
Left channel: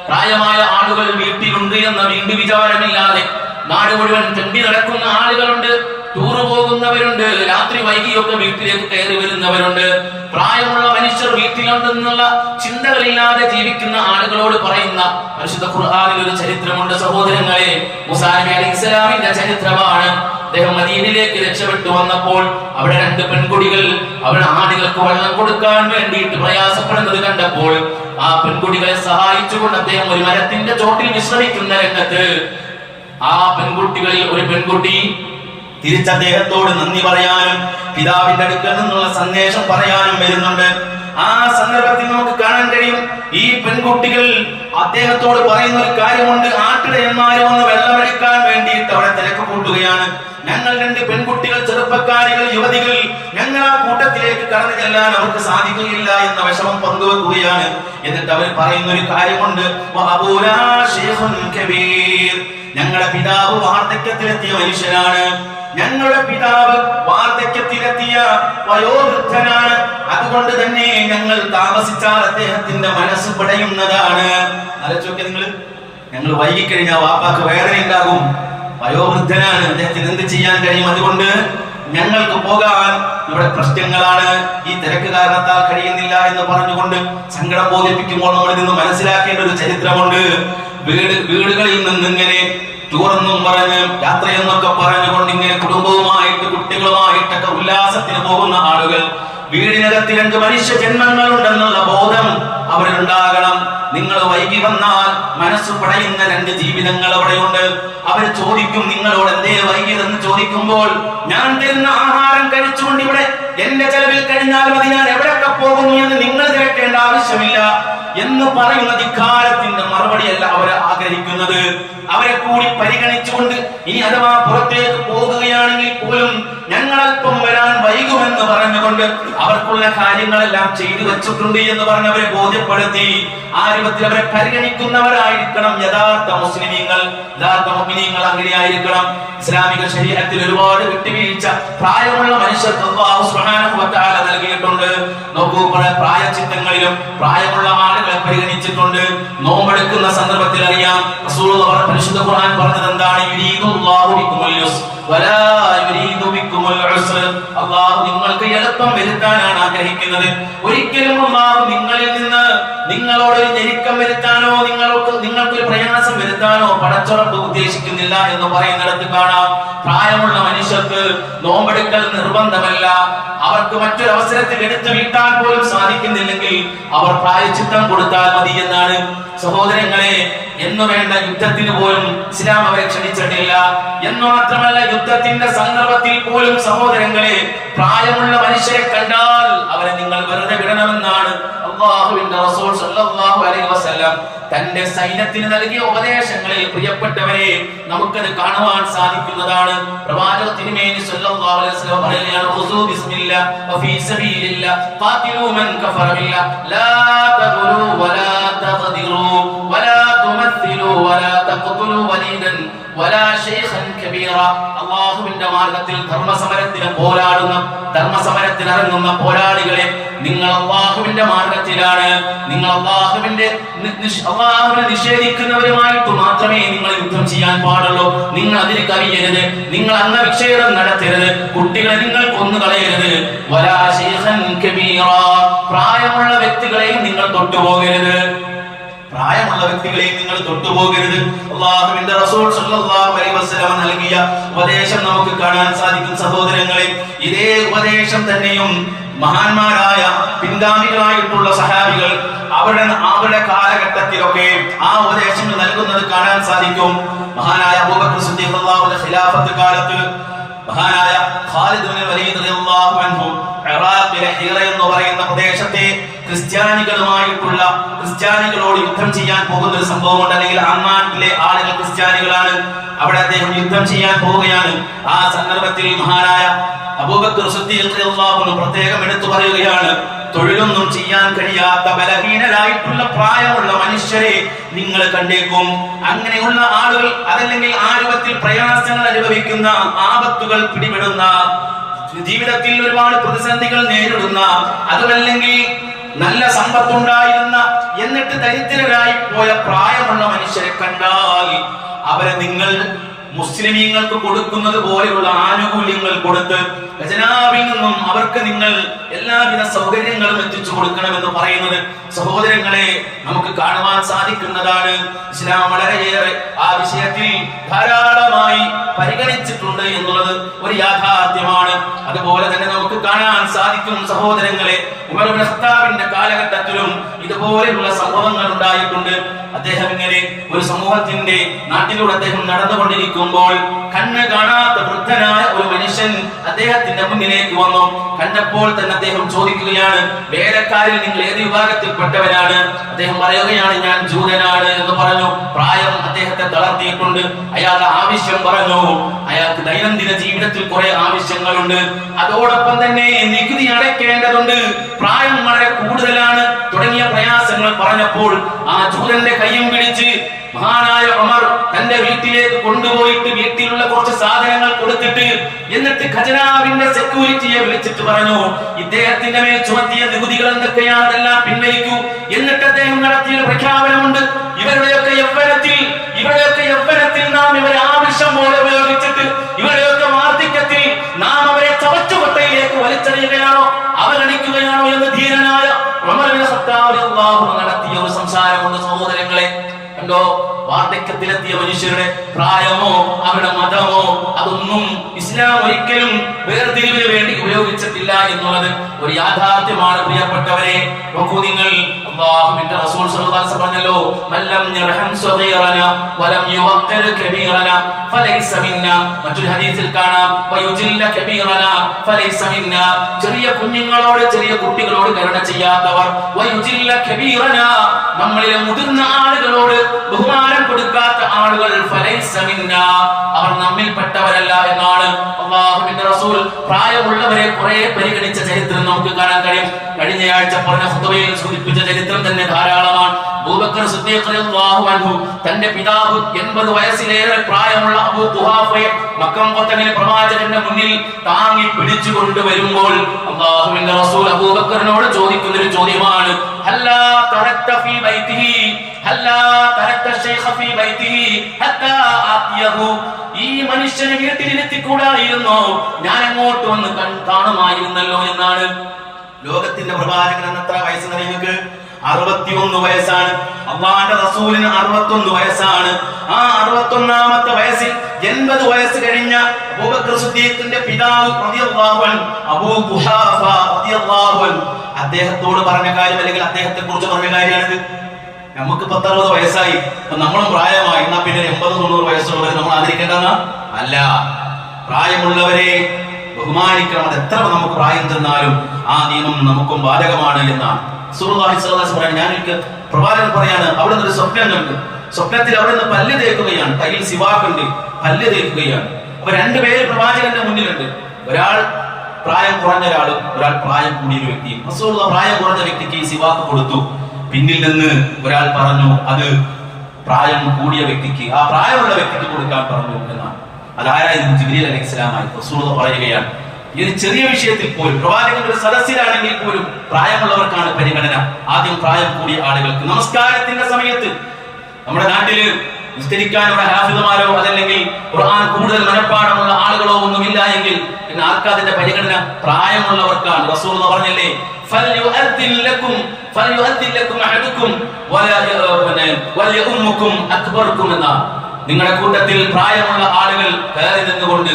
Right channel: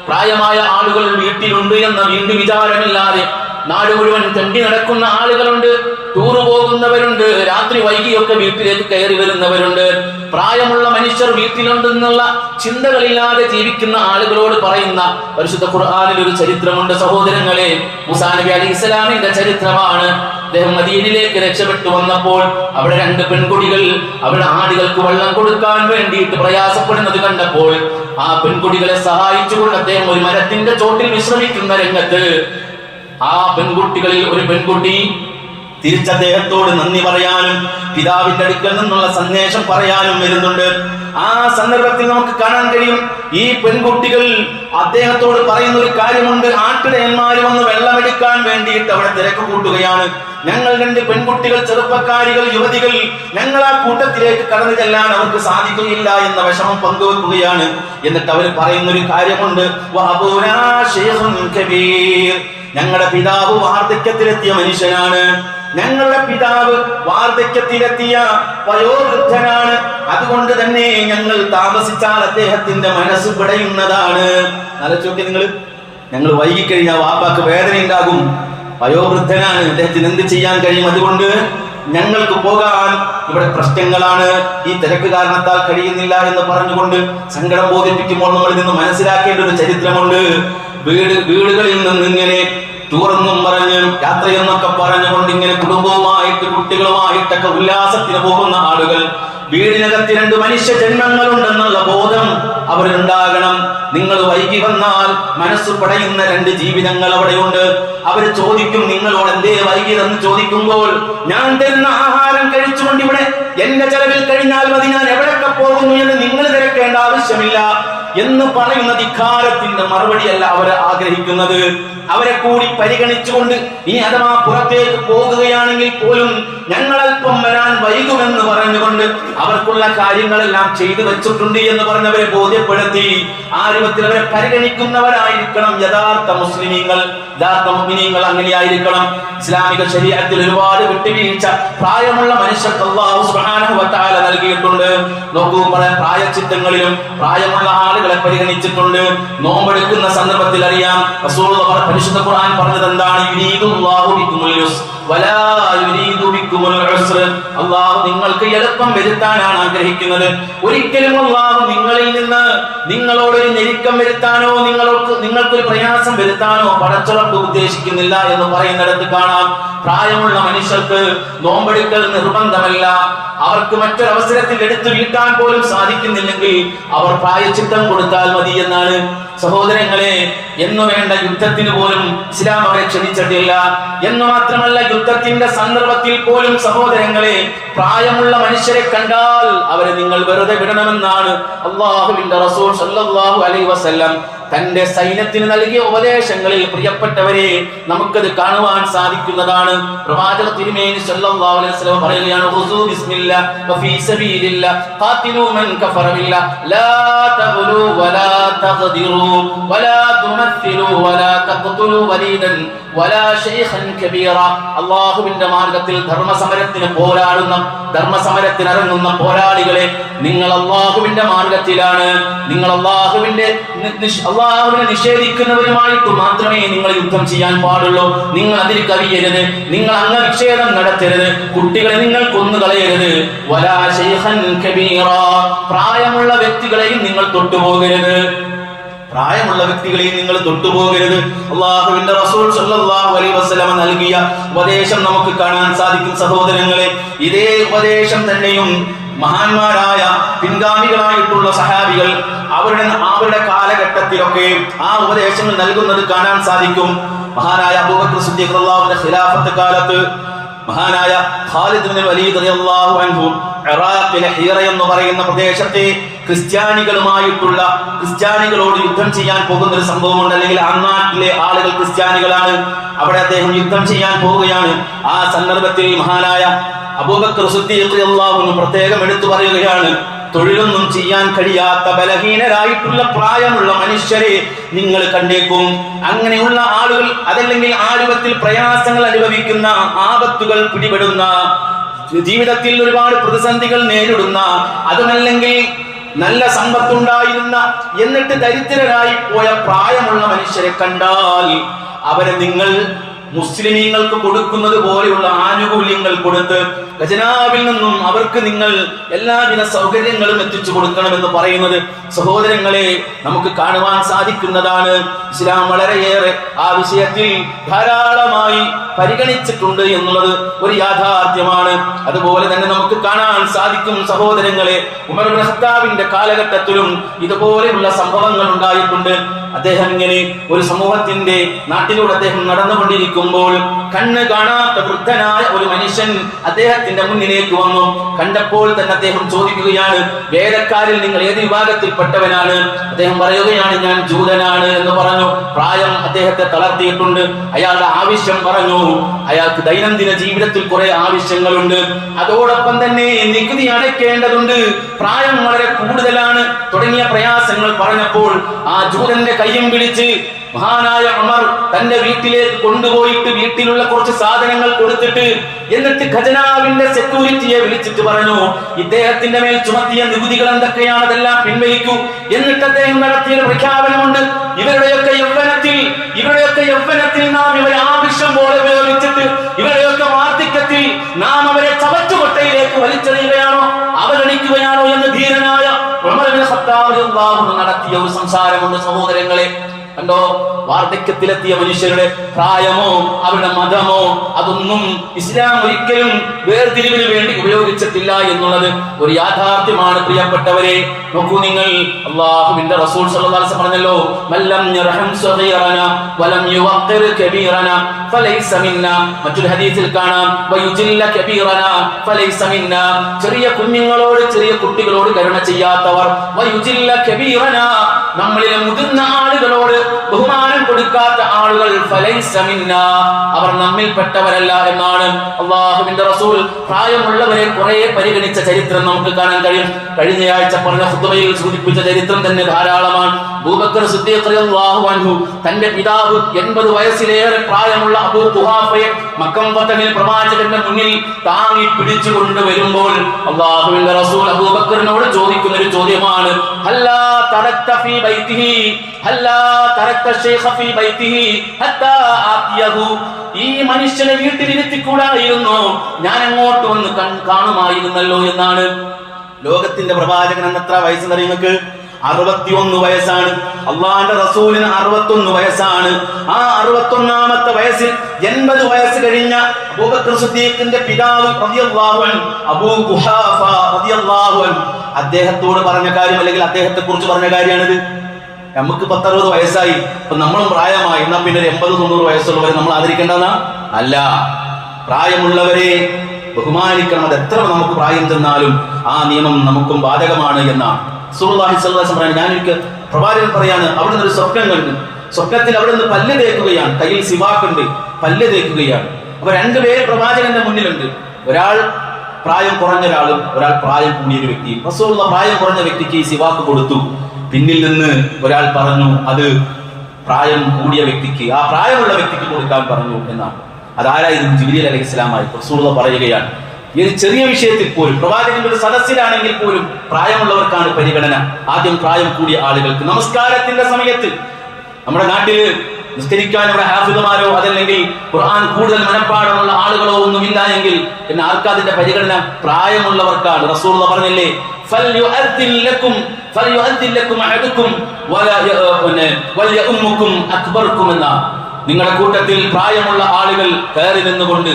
പ്രായമായ ആളുകൾ വീട്ടിലുണ്ട് എന്ന വീണ്ടും വിചാരമില്ലാതെ നാട് മുഴുവൻ തെണ്ടി നടക്കുന്ന ആളുകളുണ്ട്. ടൂറ് പോകുന്നവരുണ്ട്, രാത്രി വൈകിയൊക്കെ വീട്ടിലേക്ക് കയറി വരുന്നവരുണ്ട്. പ്രായമുള്ള മനുഷ്യർ വീട്ടിലുണ്ടെന്നുള്ള ചിന്തകളില്ലാതെ ജീവിക്കുന്ന ആളുകളോട് പറയുന്ന പരിശുദ്ധ ഖുർആനിൽ ഒരു ചരിത്രമുണ്ട് സഹോദരങ്ങളെ. മൂസാ നബി അലൈഹി ഇസ്ലാമിന്റെ ചരിത്രമാണ്. അദ്ദേഹം മദീനയിലേക്ക് രക്ഷപ്പെട്ടു വന്നപ്പോൾ അവിടെ 2 പെൺകുട്ടികൾ അവരുടെ ആടുകൾക്ക് വെള്ളം കൊടുക്കാൻ വേണ്ടിയിട്ട് പ്രയാസപ്പെടുന്നത് കണ്ടപ്പോൾ ആ പെൺകുട്ടികളെ സഹായിച്ചുകൊണ്ട് അദ്ദേഹം ഒരു മരത്തിന്റെ ചോട്ടിൽ വിശ്രമിക്കുന്ന രംഗത്ത് ആ പെൺകുട്ടികളിൽ ഒരു പെൺകുട്ടി തിരിച്ചദ്ദേഹത്തോട് നന്ദി പറയാനും പിതാവിന്റെ അടുക്കൽ നിന്നുള്ള സന്ദേശം പറയാനും വരുന്നുണ്ട്. ആ സന്ദർഭത്തിൽ നമുക്ക് കാണാൻ കഴിയും, ഈ പെൺകുട്ടികൾ അദ്ദേഹത്തോട് പറയുന്ന ഒരു കാര്യമുണ്ട്. ആട്ടിടയന്മാര് വന്ന് വെള്ളമെടുക്കാൻ വേണ്ടിയിട്ട് അവിടെ തിരക്ക് കൂട്ടുകയാണ്. ഞങ്ങൾ 2 പെൺകുട്ടികൾ, ചെറുപ്പക്കാരികൾ, യുവതികൾ, ഞങ്ങൾ ആ കൂട്ടത്തിലേക്ക് കടന്നു ചെല്ലാൻ അവർക്ക് സാധിക്കുകയില്ല എന്ന വിഷമം പങ്കുവെക്കുകയാണ്. എന്നിട്ട് അവർ പറയുന്ന ഒരു കാര്യമുണ്ട്, ഞങ്ങളുടെ പിതാവ് വാർദ്ധക്യത്തിലെത്തിയ മനുഷ്യനാണ്, ഞങ്ങളുടെ പിതാവ് വാർദ്ധക്യത്തിലെത്തിയ വയോവൃദ്ധനാണ്, അതുകൊണ്ട് തന്നെ ഞങ്ങൾ താമസിച്ചാൽ അദ്ദേഹത്തിന്റെ മനസ്സ് പിടയുന്നതാണ്. ആലോചിച്ചോക്കെ നിങ്ങൾ, ഞങ്ങൾ വൈകിക്കഴിഞ്ഞാൽ വാപ്പാക്ക് വേദന ഉണ്ടാകും, വയോവൃദ്ധനാണ്, അദ്ദേഹത്തിന് എന്ത് ചെയ്യാൻ കഴിയും, അതുകൊണ്ട് ഞങ്ങൾക്ക് പോകാൻ ഇവിടെ പ്രശ്നങ്ങളാണ്, ഈ തിരക്ക് കാരണത്താൽ കഴിയുന്നില്ല എന്ന് പറഞ്ഞുകൊണ്ട് സങ്കടം ബോധിപ്പിക്കുമ്പോൾ നമ്മൾ നിന്ന് മനസ്സിലാക്കേണ്ട ഒരു ചരിത്രമുണ്ട്. വീടുകളിൽ നിന്ന് ഇങ്ങനെ ടൂറെന്നും പറഞ്ഞ് യാത്രയെന്നൊക്കെ പറഞ്ഞുകൊണ്ട് ഇങ്ങനെ കുടുംബവുമായിട്ട് കുട്ടികളുമായിട്ടൊക്കെ ഉല്ലാസത്തിന് പോകുന്ന ആളുകൾ, വീടിനകത്ത് 2 മനുഷ്യ ജന്മങ്ങളുണ്ടെന്നുള്ള ബോധം അവരുണ്ടാകണം. നിങ്ങൾ വൈകി വന്നാൽ മനസ്സ് പടയുന്ന 2 ജീവിതങ്ങൾ അവിടെയുണ്ട്. അവർ ചോദിക്കും നിങ്ങളോട് എന്തേ വൈകിയതെന്ന് ചോദിക്കുമ്പോൾ, ഞാൻ തരുന്ന ആഹാരം കഴിച്ചുകൊണ്ട് ഇവിടെ എന്റെ ചെലവിൽ കഴിഞ്ഞാൽ മതി, ഞാൻ എവിടെയൊക്കെ പോകുന്നു എന്ന് നിങ്ങൾ തിരക്കേണ്ട ആവശ്യമില്ല എന്ന് പറയുന്ന ധിക്കാരത്തിന്റെ മറുപടിയല്ല അവരെ ആഗ്രഹിക്കുന്നത്. അവരെ കൂടി പരിഗണിച്ചുകൊണ്ട് ഇനി അഥവാ പുറത്തേക്ക് പോകുകയാണെങ്കിൽ പോലും ഞങ്ങൾ അല്പം വരാൻ വൈകുമെന്ന് പറഞ്ഞുകൊണ്ട് അവർക്കുള്ള കാര്യങ്ങളെല്ലാം ചെയ്തു വെച്ചിട്ടുണ്ട് എന്ന് പറഞ്ഞവരെ ബോധ്യപ്പെടുത്തി ആ രൂപത്തിൽ അവരെ പരിഗണിക്കുന്നവരായിരിക്കണം യഥാർത്ഥ മുസ്ലിമീങ്ങൾ, യഥാർത്ഥ മുഅ്മിനീങ്ങൾ. അങ്ങനെയായിരിക്കണം. ഇസ്ലാമിക ശരീഅത്തിൽ ഒരുപാട് വിട്ടുവീഴ്ച പ്രായമുള്ള മനുഷ്യർക്ക് അല്ലാഹു സുബ്ഹാനഹു വ തആല നൽകിയിട്ടുണ്ട്. നോക്കൂ, പ്രായച്ചിത്തങ്ങളിലും പ്രായമുള്ള ആളുകളെ പരിഗണിച്ചിട്ടുണ്ട്. നോമ്പെടുക്കുന്ന സന്ദർഭത്തിൽ അറിയാം, റസൂലുള്ളാഹി പരിശുദ്ധ ഖുർആൻ പറഞ്ഞത് എന്താണ്? യുരീദുല്ലാഹു ബിക്കുമുൽ യുസ്ർ വലാ യുരീദു ബിക്കുമുൽ ഉസ്ർ. അല്ലാഹു നിങ്ങൾക്ക് എളുപ്പം വരുത്താനാണ് ആഗ്രഹിക്കുന്നത്. ഒരിക്കലും അല്ലാഹു നിങ്ങളിൽ നിന്ന് നിങ്ങളോടൊരു ഞെരുക്കം വരുത്താനോ നിങ്ങൾക്കൊരു പ്രയാസം വരുത്താനോ പടച്ചുറപ്പ് ഉദ്ദേശിക്കുന്നില്ല എന്ന് പറയുന്നിടത്ത് കാണാം. പ്രായമുള്ള മനുഷ്യർക്ക് നോമ്പെടുക്കൽ നിർബന്ധമല്ല. അവർക്ക് മറ്റൊരവസരത്തിൽ എടുത്തു വീട്ടാൻ പോലും സാധിക്കുന്നില്ലെങ്കിൽ അവർ പ്രായച്ചിത്തം കൊടുത്താൽ മതി എന്നാണ്. സഹോദരങ്ങളെ, എന്നു വേണ്ട യുദ്ധത്തിന് പോലും ഇസ്ലാം അവരെ ക്ഷണിച്ചിട്ടില്ല. എന്നു മാത്രമല്ല, യുദ്ധത്തിന്റെ സന്ദർഭത്തിൽ പോലും സഹോദരങ്ങളെ, പ്രായമുള്ള മനുഷ്യരെ കണ്ടാൽ അവരെ നിങ്ങൾ വെറുതെ വിടണമെന്നാണ് അല്ലാഹുവിന്റെ റസൂൽ സല്ലല്ലാഹു അലൈഹി വസല്ലം തന്റെ സൈന്യത്തിന് നൽകിയ ഉപദേശങ്ങളിൽ പ്രിയപ്പെട്ടവരെ നമുക്കത് കാണുവാൻ സാധിക്കുന്നതാണ്. പ്രവാചക തിരുമേനി സല്ലല്ലാഹു അലൈഹി വസല്ലം പറയുകയാണ്, ഖുസൂ ബിസ്മില്ലാ വഫീ സബീലില്ലാ ഖാതിലൂ മൻ കഫറ ബില്ലാ ലാ തഗ്ലൂ വലാ തഖദിറൂ വലാ തുമസ്സിലൂ വലാ തഖ്തുലൂ വലീദൻ വലാ ശൈഖൻ കബീറ. അല്ലാഹുവിന്റെ മാർഗ്ഗത്തിൽ ധർമ്മസമരത്തിന് പോരാടുന്ന, ധർമ്മസമരത്തിനിറങ്ങുന്ന പോരാളികളെ, നിങ്ങൾ അല്ലാഹുവിന്റെ മാർഗ്ഗത്തിലാണ്. നിങ്ങൾ അല്ലാഹുവിനെ നിഷേധിക്കുന്നവരുമായിട്ട് മാത്രമേ നിങ്ങൾ യുദ്ധം ചെയ്യാൻ പാടുള്ളൂ. നിങ്ങൾ അതിൽ കവിയരുത്, നിങ്ങൾ അംഗവിച്ഛേദം നടത്തരുത്, കുട്ടികളെ നിങ്ങൾ കൊന്നുകളയരുത്. വലാ ശൈഖൻ കബീറ, പ്രായമുള്ള വ്യക്തികളെയും നിങ്ങൾ തൊട്ടുപോകരുത്. പ്രായമുള്ള വ്യക്തികളെയും നിങ്ങൾ തൊട്ടുപോകരുത്. അല്ലാഹുവിന്റെ റസൂൽ സല്ലല്ലാഹു അലൈഹി വസല്ലം നൽകിയ ഉപദേശം നമുക്ക് കാണാൻ സാധിക്കും. സഹോദരങ്ങളെ, ഇതേ ഉപദേശം തന്നെയും മഹാന്മാരായ പിൻഗാമികളായിട്ടുള്ള സഹാബികൾ അവരുടെ കാലഘട്ടത്തിലൊക്കെ ആ ഉപദേശങ്ങൾ നൽകുന്നത് കാണാൻ സാധിക്കും. മഹാനായ അബൂബക്കർ സിദ്ദീഖ് റളിയല്ലാഹുവിന്റെ ഖിലാഫത്ത് കാലത്ത് മഹാനായ ഖാലിദ് ഇബ്നു വലീദ് റളിയല്ലാഹു അൻഹു ഇറാഖിലെ ഹീറ എന്ന് പറയുന്ന പ്രദേശത്തെ ക്രിസ്ത്യാനികളോട് യുദ്ധം ചെയ്യാൻ പോകുന്ന ഒരു സംഭവമുണ്ട്. അല്ലെങ്കിൽ ആ നാട്ടിലെ ആളുകൾ ക്രിസ്ത്യാനികളാണ്. അവിടെ അദ്ദേഹം യുദ്ധം ചെയ്യാൻ പോവുകയാണ്. ആ സന്ദർഭത്തിൽ മഹാനായ അബൂബക്കർ സിദ്ദീഖ് റളിയല്ലാഹു അൻഹു പ്രത്യേകം എടുത്തു പറയുകയാണ്, തൊഴിലൊന്നും ചെയ്യാൻ കഴിയാത്ത ബലഹീനരായിട്ടുള്ള പ്രായമുള്ള മനുഷ്യരെ നിങ്ങൾ കണ്ടേക്കും. അങ്ങനെയുള്ള ആളുകൾ, അതല്ലെങ്കിൽ ആ രൂപത്തിൽ പ്രയാസങ്ങൾ അനുഭവിക്കുന്ന, ആപത്തുകൾ പിടിപെടുന്ന, ജീവിതത്തിൽ ഒരുപാട് പ്രതിസന്ധികൾ നേരിടുന്ന, അതുമല്ലെങ്കിൽ നല്ല സമ്പത്തുണ്ടായിരുന്ന എന്നിട്ട് ദരിദ്രരായി പോയ പ്രായമുള്ള മനുഷ്യരെ കണ്ടാൽ അവരെ നിങ്ങൾ മുസ്ലിമീങ്ങൾക്ക് കൊടുക്കുന്നത് പോലെയുള്ള ആനുകൂല്യങ്ങൾ കൊടുത്ത് ഖജനാവിൽ നിന്നും അവർക്ക് നിങ്ങൾ എല്ലാവിധ സൗകര്യങ്ങളും എത്തിച്ചു കൊടുക്കണമെന്ന് പറയുന്നത് സഹോദരങ്ങളെ നമുക്ക് കാണുവാൻ സാധിക്കുന്നതാണ്. ഇസ്ലാം വളരെയേറെ ആ വിഷയത്തിൽ ധാരാളമായി പരിഗണിച്ചിട്ടുണ്ട് എന്നുള്ളത് ഒരു യാഥാർത്ഥ്യമാണ്. അതുപോലെ തന്നെ നമുക്ക് കാണാൻ സാധിക്കും സഹോദരങ്ങളെ, ഉമർ ഇബ്നു ഖത്താബിന്റെ കാലഘട്ടത്തിലും ഇതുപോലെയുള്ള സംഭവങ്ങൾ ഉണ്ടായിട്ടുണ്ട്. അദ്ദേഹം ഇങ്ങനെ ഒരു സമൂഹത്തിന്റെ നാട്ടിലൂടെ അദ്ദേഹം നടന്നുകൊണ്ടിരിക്കുമ്പോൾ കണ്ണ് കാണാത്ത വൃദ്ധനായ ഒരു മനുഷ്യൻ അദ്ദേഹത്തിന്റെ മുന്നിലേക്ക് വന്നു. കണ്ടപ്പോൾ തന്നെ അദ്ദേഹം ചോദിക്കുകയാണ്, വേലക്കാരിൽ നിങ്ങൾ ഏത് വിഭാഗത്തിൽപ്പെട്ടവനാണ്? അദ്ദേഹം പറയുകയാണ്, ഞാൻ ജൂതനാണ് എന്ന് പറഞ്ഞു. പ്രായം അദ്ദേഹത്തെ തളർത്തിയിട്ടുണ്ട്. അയാളുടെ ആവശ്യം പറഞ്ഞു. അയാൾക്ക് ദൈനംദിന ജീവിതത്തിൽ കുറെ ആവശ്യങ്ങളുണ്ട്, അതോടൊപ്പം തന്നെ നികുതി അടയ്ക്കേണ്ടതുണ്ട്, പ്രായം വളരെ കൂടുതലാണ് തുടങ്ങിയ പ്രയാസങ്ങൾ പറഞ്ഞപ്പോൾ ആ ജൂതന്റെ കയ്യും പിടിച്ച് മഹാനായ ഉമർ തന്റെ വീട്ടിലേക്ക് കൊണ്ടുപോയിട്ട് വീട്ടിലുള്ള കുറച്ച് സാധനങ്ങൾ കൊടുത്തിട്ട് എന്നിട്ട് ഖജനാവിന്റെ സെക്യൂരിറ്റിയെ വിളിച്ചിട്ട് പറഞ്ഞു, ഇദ്ദേഹത്തിന്റെ മേൽ ചുമത്തിയ നികുതികൾ എന്തൊക്കെയാണ് അതെല്ലാം പിൻവലിക്കൂ. എന്നിട്ട് അദ്ദേഹം നടത്തിയ പ്രഖ്യാപനമുണ്ട്, ഇവരുടെയൊക്കെ യൗവനത്തിൽ നാം ഇവരെ ആവശ്യം പോലെ ഉപയോഗിച്ചിട്ട് ഇവരുടെയൊക്കെ വാർദ്ധക്യത്തിൽ നാം അവരെ ചവറ്റുകൊട്ടയിലേക്ക് വലിച്ചെറിയുകയാണോ, അവഗണിക്കുകയാണോ എന്ന് ധീരനായ ഉമർ ഇബ്നു ഖത്താബ് റളിയല്ലാഹു അൻഹു നടത്തിയ ഒരു സംസാരമുണ്ട് സഹോദരങ്ങളെ. കണ്ടോ, വാർദ്ധക്യത്തിലെത്തിയ മനുഷ്യരുടെ പ്രായമോ അവരുടെ മതമോ അതൊന്നും ഇസ്ലാം ഒരിക്കലും വേർതിരിവിന് വേണ്ടി ഉപയോഗിച്ചിട്ടില്ല എന്നുള്ളത് ഒരു യാഥാർത്ഥ്യമാണ് പ്രിയപ്പെട്ടവരെ. നോക്കൂ നിങ്ങൾ, അല്ലാഹുവിന്റെ റസൂൽ സ്വല്ലല്ലാഹു അലൈഹി വസല്ലം പറഞ്ഞല്ലോ, മല്ലം യർഹം സഗീറന വലം യുവഖിർ കബീറന ഫലൈസ മിന്നാ. മറ്റൊരു ഹദീസിൽ കാണാം, വയുജില്ല കബീറന ഫലൈസ മിന്നാ. ചെറിയ കുഞ്ഞുങ്ങളോട് ചെറിയ കുട്ടികളോട് കരുണ ചെയ്യാത്തവർ, വയുജില്ല കബീറന നമ്മളിലെ മുതിർന്ന ആളുകളോട് ബഹുമാനം കൊടുക്കാത്ത ആളുകൾ ഫലൈസ മിന്നാ, അവർ നമ്മിൽപ്പെട്ടവരല്ല എന്നാണ് അല്ലാഹുവിന്റെ റസൂൽ പ്രായമുള്ളവരെ കുറെ പരിഗണിച്ച ചരിത്രം നമുക്ക് കാണാൻ കഴിയും. കഴിഞ്ഞയാഴ്ച പറഞ്ഞ ഖുതുബയിൽ സൂചിപ്പിച്ച ചരിത്രം തന്നെ ധാരാളമാണ്. അബൂബക്കർ സിദ്ദീഖ് റളിയല്ലാഹു അൻഹു തന്റെ പിതാവ് 80 വയസ്സിലേറെ പ്രായമുള്ള അബൂ ഖുഹാഫയെ മക്കം പത്തങ്ങിലെ പ്രവാചകന്റെ മുന്നിൽ താങ്ങി പിടിച്ചു കൊണ്ടുവരുമ്പോൾ അല്ലാഹുവിന്റെ റസൂൽ അബൂബക്കറിനോട് ചോദിക്കുന്ന ഒരു ചോദ്യമാണ്, ഹല്ലാ തറക്ത ഫീ ബൈതിഹി ഹല്ലാ തറക്ത ശൈഖ ഫീ ബൈതിഹി ഹത്താ ആതിയഹു. ഈ മനുഷ്യനെ വീട്ടിലിരുത്തിക്കൂടായിരുന്നു, ഞാൻ അങ്ങോട്ട് വന്ന് കാണുമായിരുന്നല്ലോ എന്നാണ്. ലോകത്തിന്റെ പ്രവാചകൻ എന്ന് എത്ര വയസ്സെന്ന് നിങ്ങൾക്ക്? 61 വയസ്സാണ്. അള്ളാന്റെ റസൂലിന് 61 വയസ്സാണ്. ആ 61ാമത്തെ വയസ്സിൽ 80 വയസ്സ് കഴിഞ്ഞ അബൂബക്കർ സിദ്ദീഖിന്റെ പിതാവ് റളിയല്ലാഹു അൻഹു അബൂ ഖുഹാഫ റളിയല്ലാഹു അൻഹു അദ്ദേഹത്തോട് പറഞ്ഞ കാര്യം, അല്ലെങ്കിൽ അദ്ദേഹത്തെ കുറിച്ച് പറഞ്ഞ കാര്യമാണിത്. നമുക്ക് 10-60 വയസ്സായി, ഇപ്പൊ നമ്മളും പ്രായമായി, എന്നാ പിന്നെ 80-90 വയസ്സുള്ളവരെ നമ്മൾ ആദരിക്കേണ്ടെന്നാ? അല്ല, പ്രായമുള്ളവരെ ബഹുമാനിക്കണം. അത് എത്ര നമുക്ക് പ്രായം ചെന്നാലും ആ നിയമം നമുക്കും ബാധകമാണ് എന്നാണ് റസൂലുള്ളാഹി സ്വല്ലല്ലാഹു അലൈഹി വസല്ലം പറയുന്നത്. ഞാനെനിക്ക് പ്രവാചകൻ പറയാണ്, അവിടെ നിന്ന് ഒരു സ്വപ്നം കണ്ടു. സ്വപ്നത്തിൽ അവിടെ നിന്ന് പല്ല് തേക്കുകയാണ്, കയ്യിൽ സിവാക്കുണ്ട്, പല്ല് തേക്കുകയാണ്. അപ്പൊ 2 പേര് പ്രവാചകന്റെ മുന്നിലുണ്ട്. ഒരാൾ പ്രായം കുറഞ്ഞ ഒരാളും ഒരാൾ പ്രായം കൂടിയ ഒരു വ്യക്തിയും. റസൂലുള്ള പ്രായം കുറഞ്ഞ വ്യക്തിക്ക് ഈ സിവാക്ക് കൊടുത്തു. പിന്നിൽ നിന്ന് ഒരാൾ പറഞ്ഞു, അത് പ്രായം കൂടിയ വ്യക്തിക്ക്, ആ പ്രായമുള്ള വ്യക്തിക്ക് കൊടുക്കാൻ പറഞ്ഞു എന്നാണ്. അതാരായിരുന്നു? ജിബ്രീൽ അലൈഹിസ്സലാമായി. റസൂലുള്ള പറയുകയാണ്, ഈ ചെറിയ വിഷയത്തിൽ പോലും പ്രവാചകന്റെ ഒരു സദസ്സിലാണെങ്കിൽ പോലും പ്രായമുള്ളവർക്കാണ് പരിഗണന. ആദ്യം പ്രായം കൂടിയ ആളുകൾക്ക്. നമസ്കാരത്തിന്റെ സമയത്ത് നമ്മുടെ നാട്ടില് നിസ്കരിക്കാൻ ഇവിടെ ഹാഫിദുമാരോ അതല്ലെങ്കിൽ ഖുർആൻ കൂടുതൽ മനഃപ്പാടമുള്ള ആളുകളോ ഒന്നുമില്ല എങ്കിൽ പിന്നെ ആർക്കതിന്റെ പരിഗണന? പ്രായമുള്ളവർക്കാണ്. റസൂലുള്ള പറഞ്ഞല്ലേ, ഫൽയുഅദ്ദിൻ ലക്കും അഹദുക്കും വലയഉമ്മുക്കും അക്ബർക്കും എന്ന. നിങ്ങളുടെ കൂട്ടത്തിൽ പ്രായമുള്ള ആളുകൾ കയറി നിന്നുകൊണ്ട്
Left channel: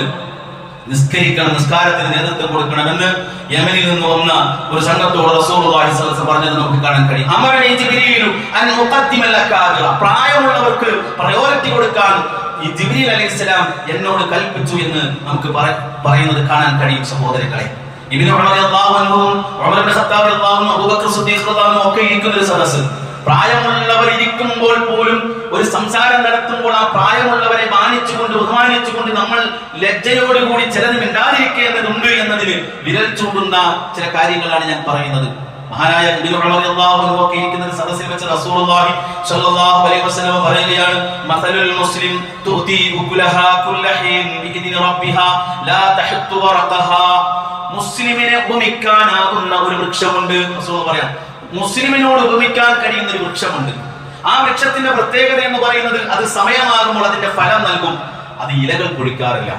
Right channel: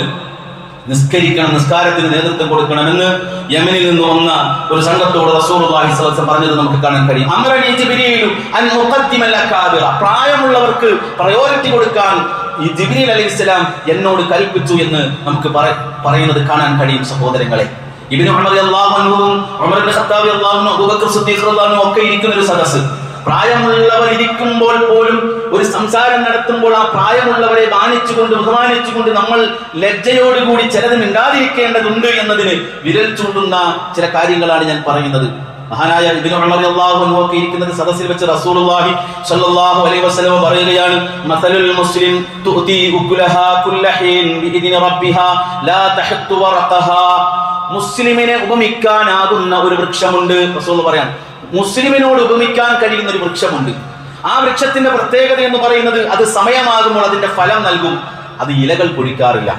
നിസ്കരിക്കണം, നിസ്കാരത്തിന് നേതൃത്വം കൊടുക്കണമെന്ന് യമനിൽ നിന്ന് വന്ന ഒരു സംഘത്തോട് റസൂലുള്ളാഹി സ്വല്ലല്ലാഹു അലൈഹി വസല്ലം പറഞ്ഞത് നമുക്ക് കാണാൻ കഴിയും. അമറനി ജിബ്രീലു അൻ മുഖദ്ദിമൽ അകാബിറ, പ്രായമുള്ളവർക്ക് പ്രയോറിറ്റി കൊടുക്കാൻ ഈ ജിബ്രീൽ അലൈഹിസ്സലാം എന്നോട് കൽപ്പിച്ചു എന്ന് നമുക്ക് പറയുന്നത് കാണാൻ കഴിയും സഹോദരങ്ങളെ. ഇബ്നു ഉമർ റളിയല്ലാഹു അൻഹു, ഉമർ ഇബ്നു ഖത്താബ് റളിയല്ലാഹു അൻഹു, അബൂബക്കർ സിദ്ദീഖ് റളിയല്ലാഹു അൻഹു ഒക്കെ ഇരിക്കുന്ന ഒരു സദസ്സ്. പ്രായമുള്ളവർ ഇരിക്കുമ്പോൾ പോലും ഒരു സംസാരം നടത്തുമ്പോൾ ആ പ്രായമുള്ളവരെ മാനിച്ചുകൊണ്ട് ബഹുമാനിച്ചുകൊണ്ട് നമ്മൾ ലജ്ജയോടുകൂടി ചിലത് മിണ്ടാതിരിക്കേണ്ടതുണ്ട് എന്നതിന് വിരൽ ചൂണ്ടുന്ന ചില കാര്യങ്ങളാണ് ഞാൻ പറയുന്നത്. മഹാനായ ഇബ്നു ഉമർ റളിയല്ലാഹു അൻഹു ഒക്കെ ഇരിക്കുന്ന സദസ്സിൽ വെച്ച് റസൂലുള്ളാഹി സ്വല്ലല്ലാഹു അലൈഹി വസല്ലം പറയുകയാണ്, മസലുൽ മുസ്ലിം തുഅതി ഉകുലഹാ കുല്ലഹീൻ ബിഇദ്നി റബ്ബിഹാ ലാ തഹത്തു വറഖഹാ. മുസ്ലിമിനെ ഉപമിക്കാനാകുന്ന ഒരു വൃക്ഷമുണ്ട്. റസൂൽ പറയാൻ, മുസ്ലിമിനോട് ഉപമിക്കാൻ കഴിയുന്ന ഒരു വൃക്ഷമുണ്ട്. ആ വൃക്ഷത്തിന്റെ പ്രത്യേകത എന്ന് പറയുന്നത് അത് സമയമാകുമ്പോൾ അതിന്റെ ഫലം നൽകും. അത് ഇലകൾ പൊഴിക്കാറില്ല.